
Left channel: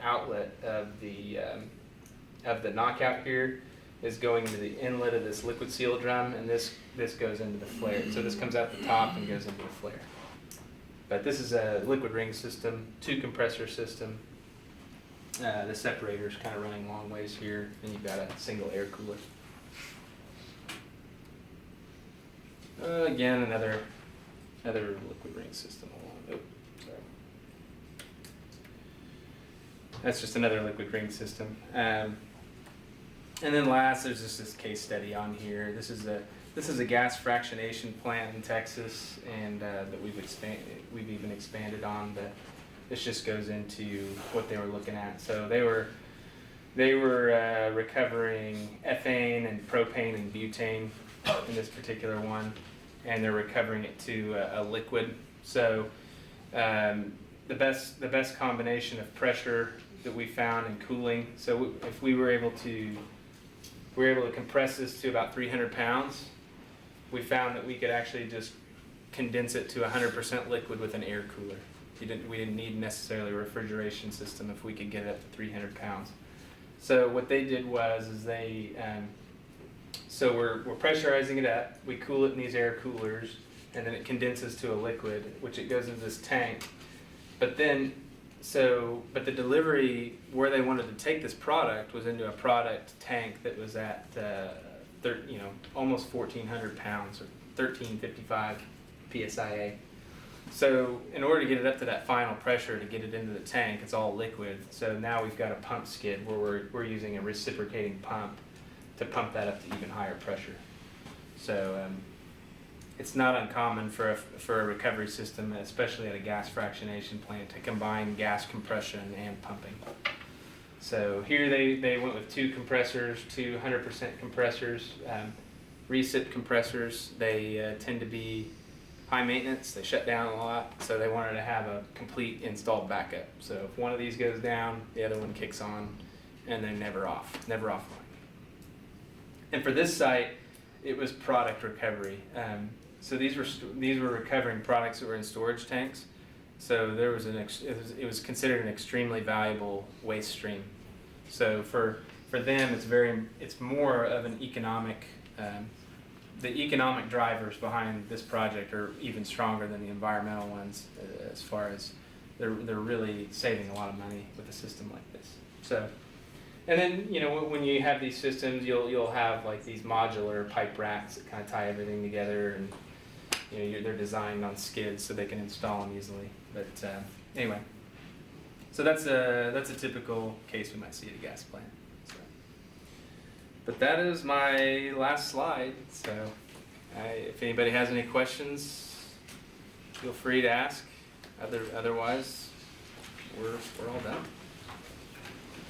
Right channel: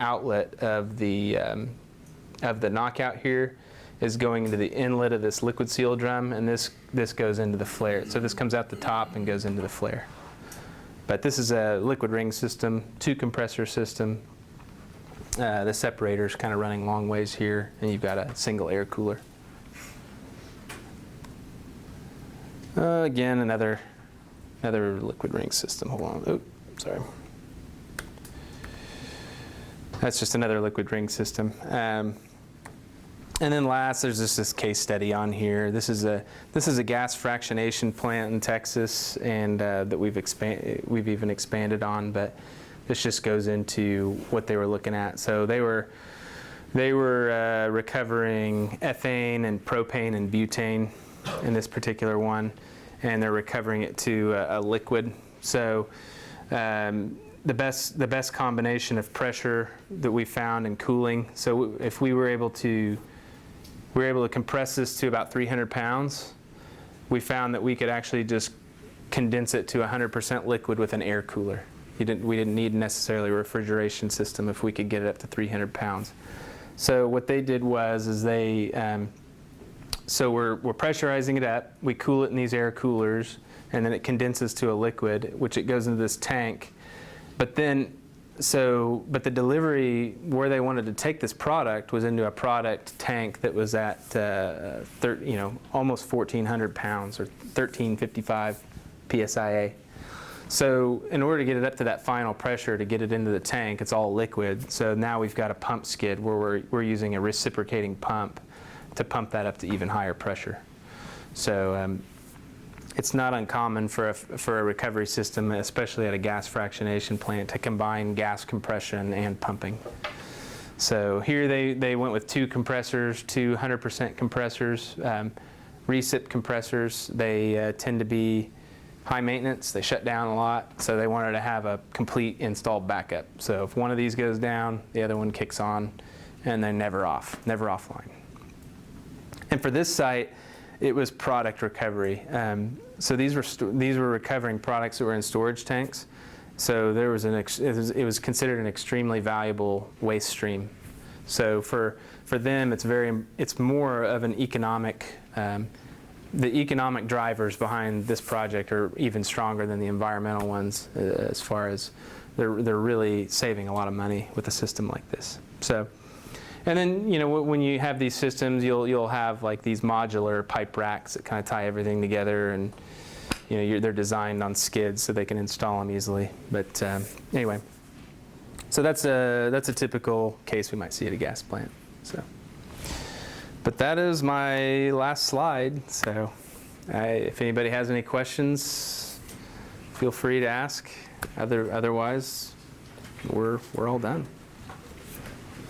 outlet of the knockout here is going to the inlet of this liquid seal drum, and this goes into the flare. So this comes out the top and goes into the flare. But this is a liquid ring system, 2 compressor system. The separator's kind of running long ways here, and you've got a single air cooler. Again, another liquid ring system. Hold on. Oh, sorry. That's just another liquid ring system. And then last, there's just this case study on here. This is a gas fractionation plant in Texas, and that we've even expanded on. But this just goes into what they were looking at. So they were recovering ethane and propane and butane in this particular one, and they're recovering it to a liquid. So the best combination of pressure that we found and cooling. So if we were able to compress this to about 300 pounds, we found that we could actually just condense it to 100% liquid with an air cooler. We didn't need necessarily a refrigeration system if we could get it up to 300 pounds. So what they did was so we're pressurizing it up, we cool it in these air coolers, and then it condenses to a liquid, which it goes into this tank. But the delivery where they wanted to take this product was into a product tank that was at almost 1,400 pounds, or 1355 psia. So in order to get it up to that final pressure to get it into the tank, it's all liquid. So now we've got a pump skid where we're using a reciprocating pump to pump that up to even higher pressure. So it's not uncommon for a recovery system, especially at a gas fractionation plant, to combine gas compression and pumping. So here they went with 2 compressors, 2 100% compressors. Recip compressors, they tend to be high maintenance, they shut down a lot, so they wanted to have a complete installed backup. So if one of these goes down, the other one kicks on, and then never offline. And for this site, it was product recovery. So these were recovering products that were in storage tanks. So there was it was considered an extremely valuable waste stream. So for them, it's more of an economic. The economic drivers behind this project are even stronger than the environmental ones, as far as they're really saving a lot of money with a system like this. So, and then when you have these systems, you'll have like these modular pipe racks that kind of tie everything together, and they're designed on skids so they can install them easily. But anyway, so that's a typical case we might see at a gas plant. So. But that is my last slide, so if anybody has any questions, feel free to ask. Otherwise, we're all done.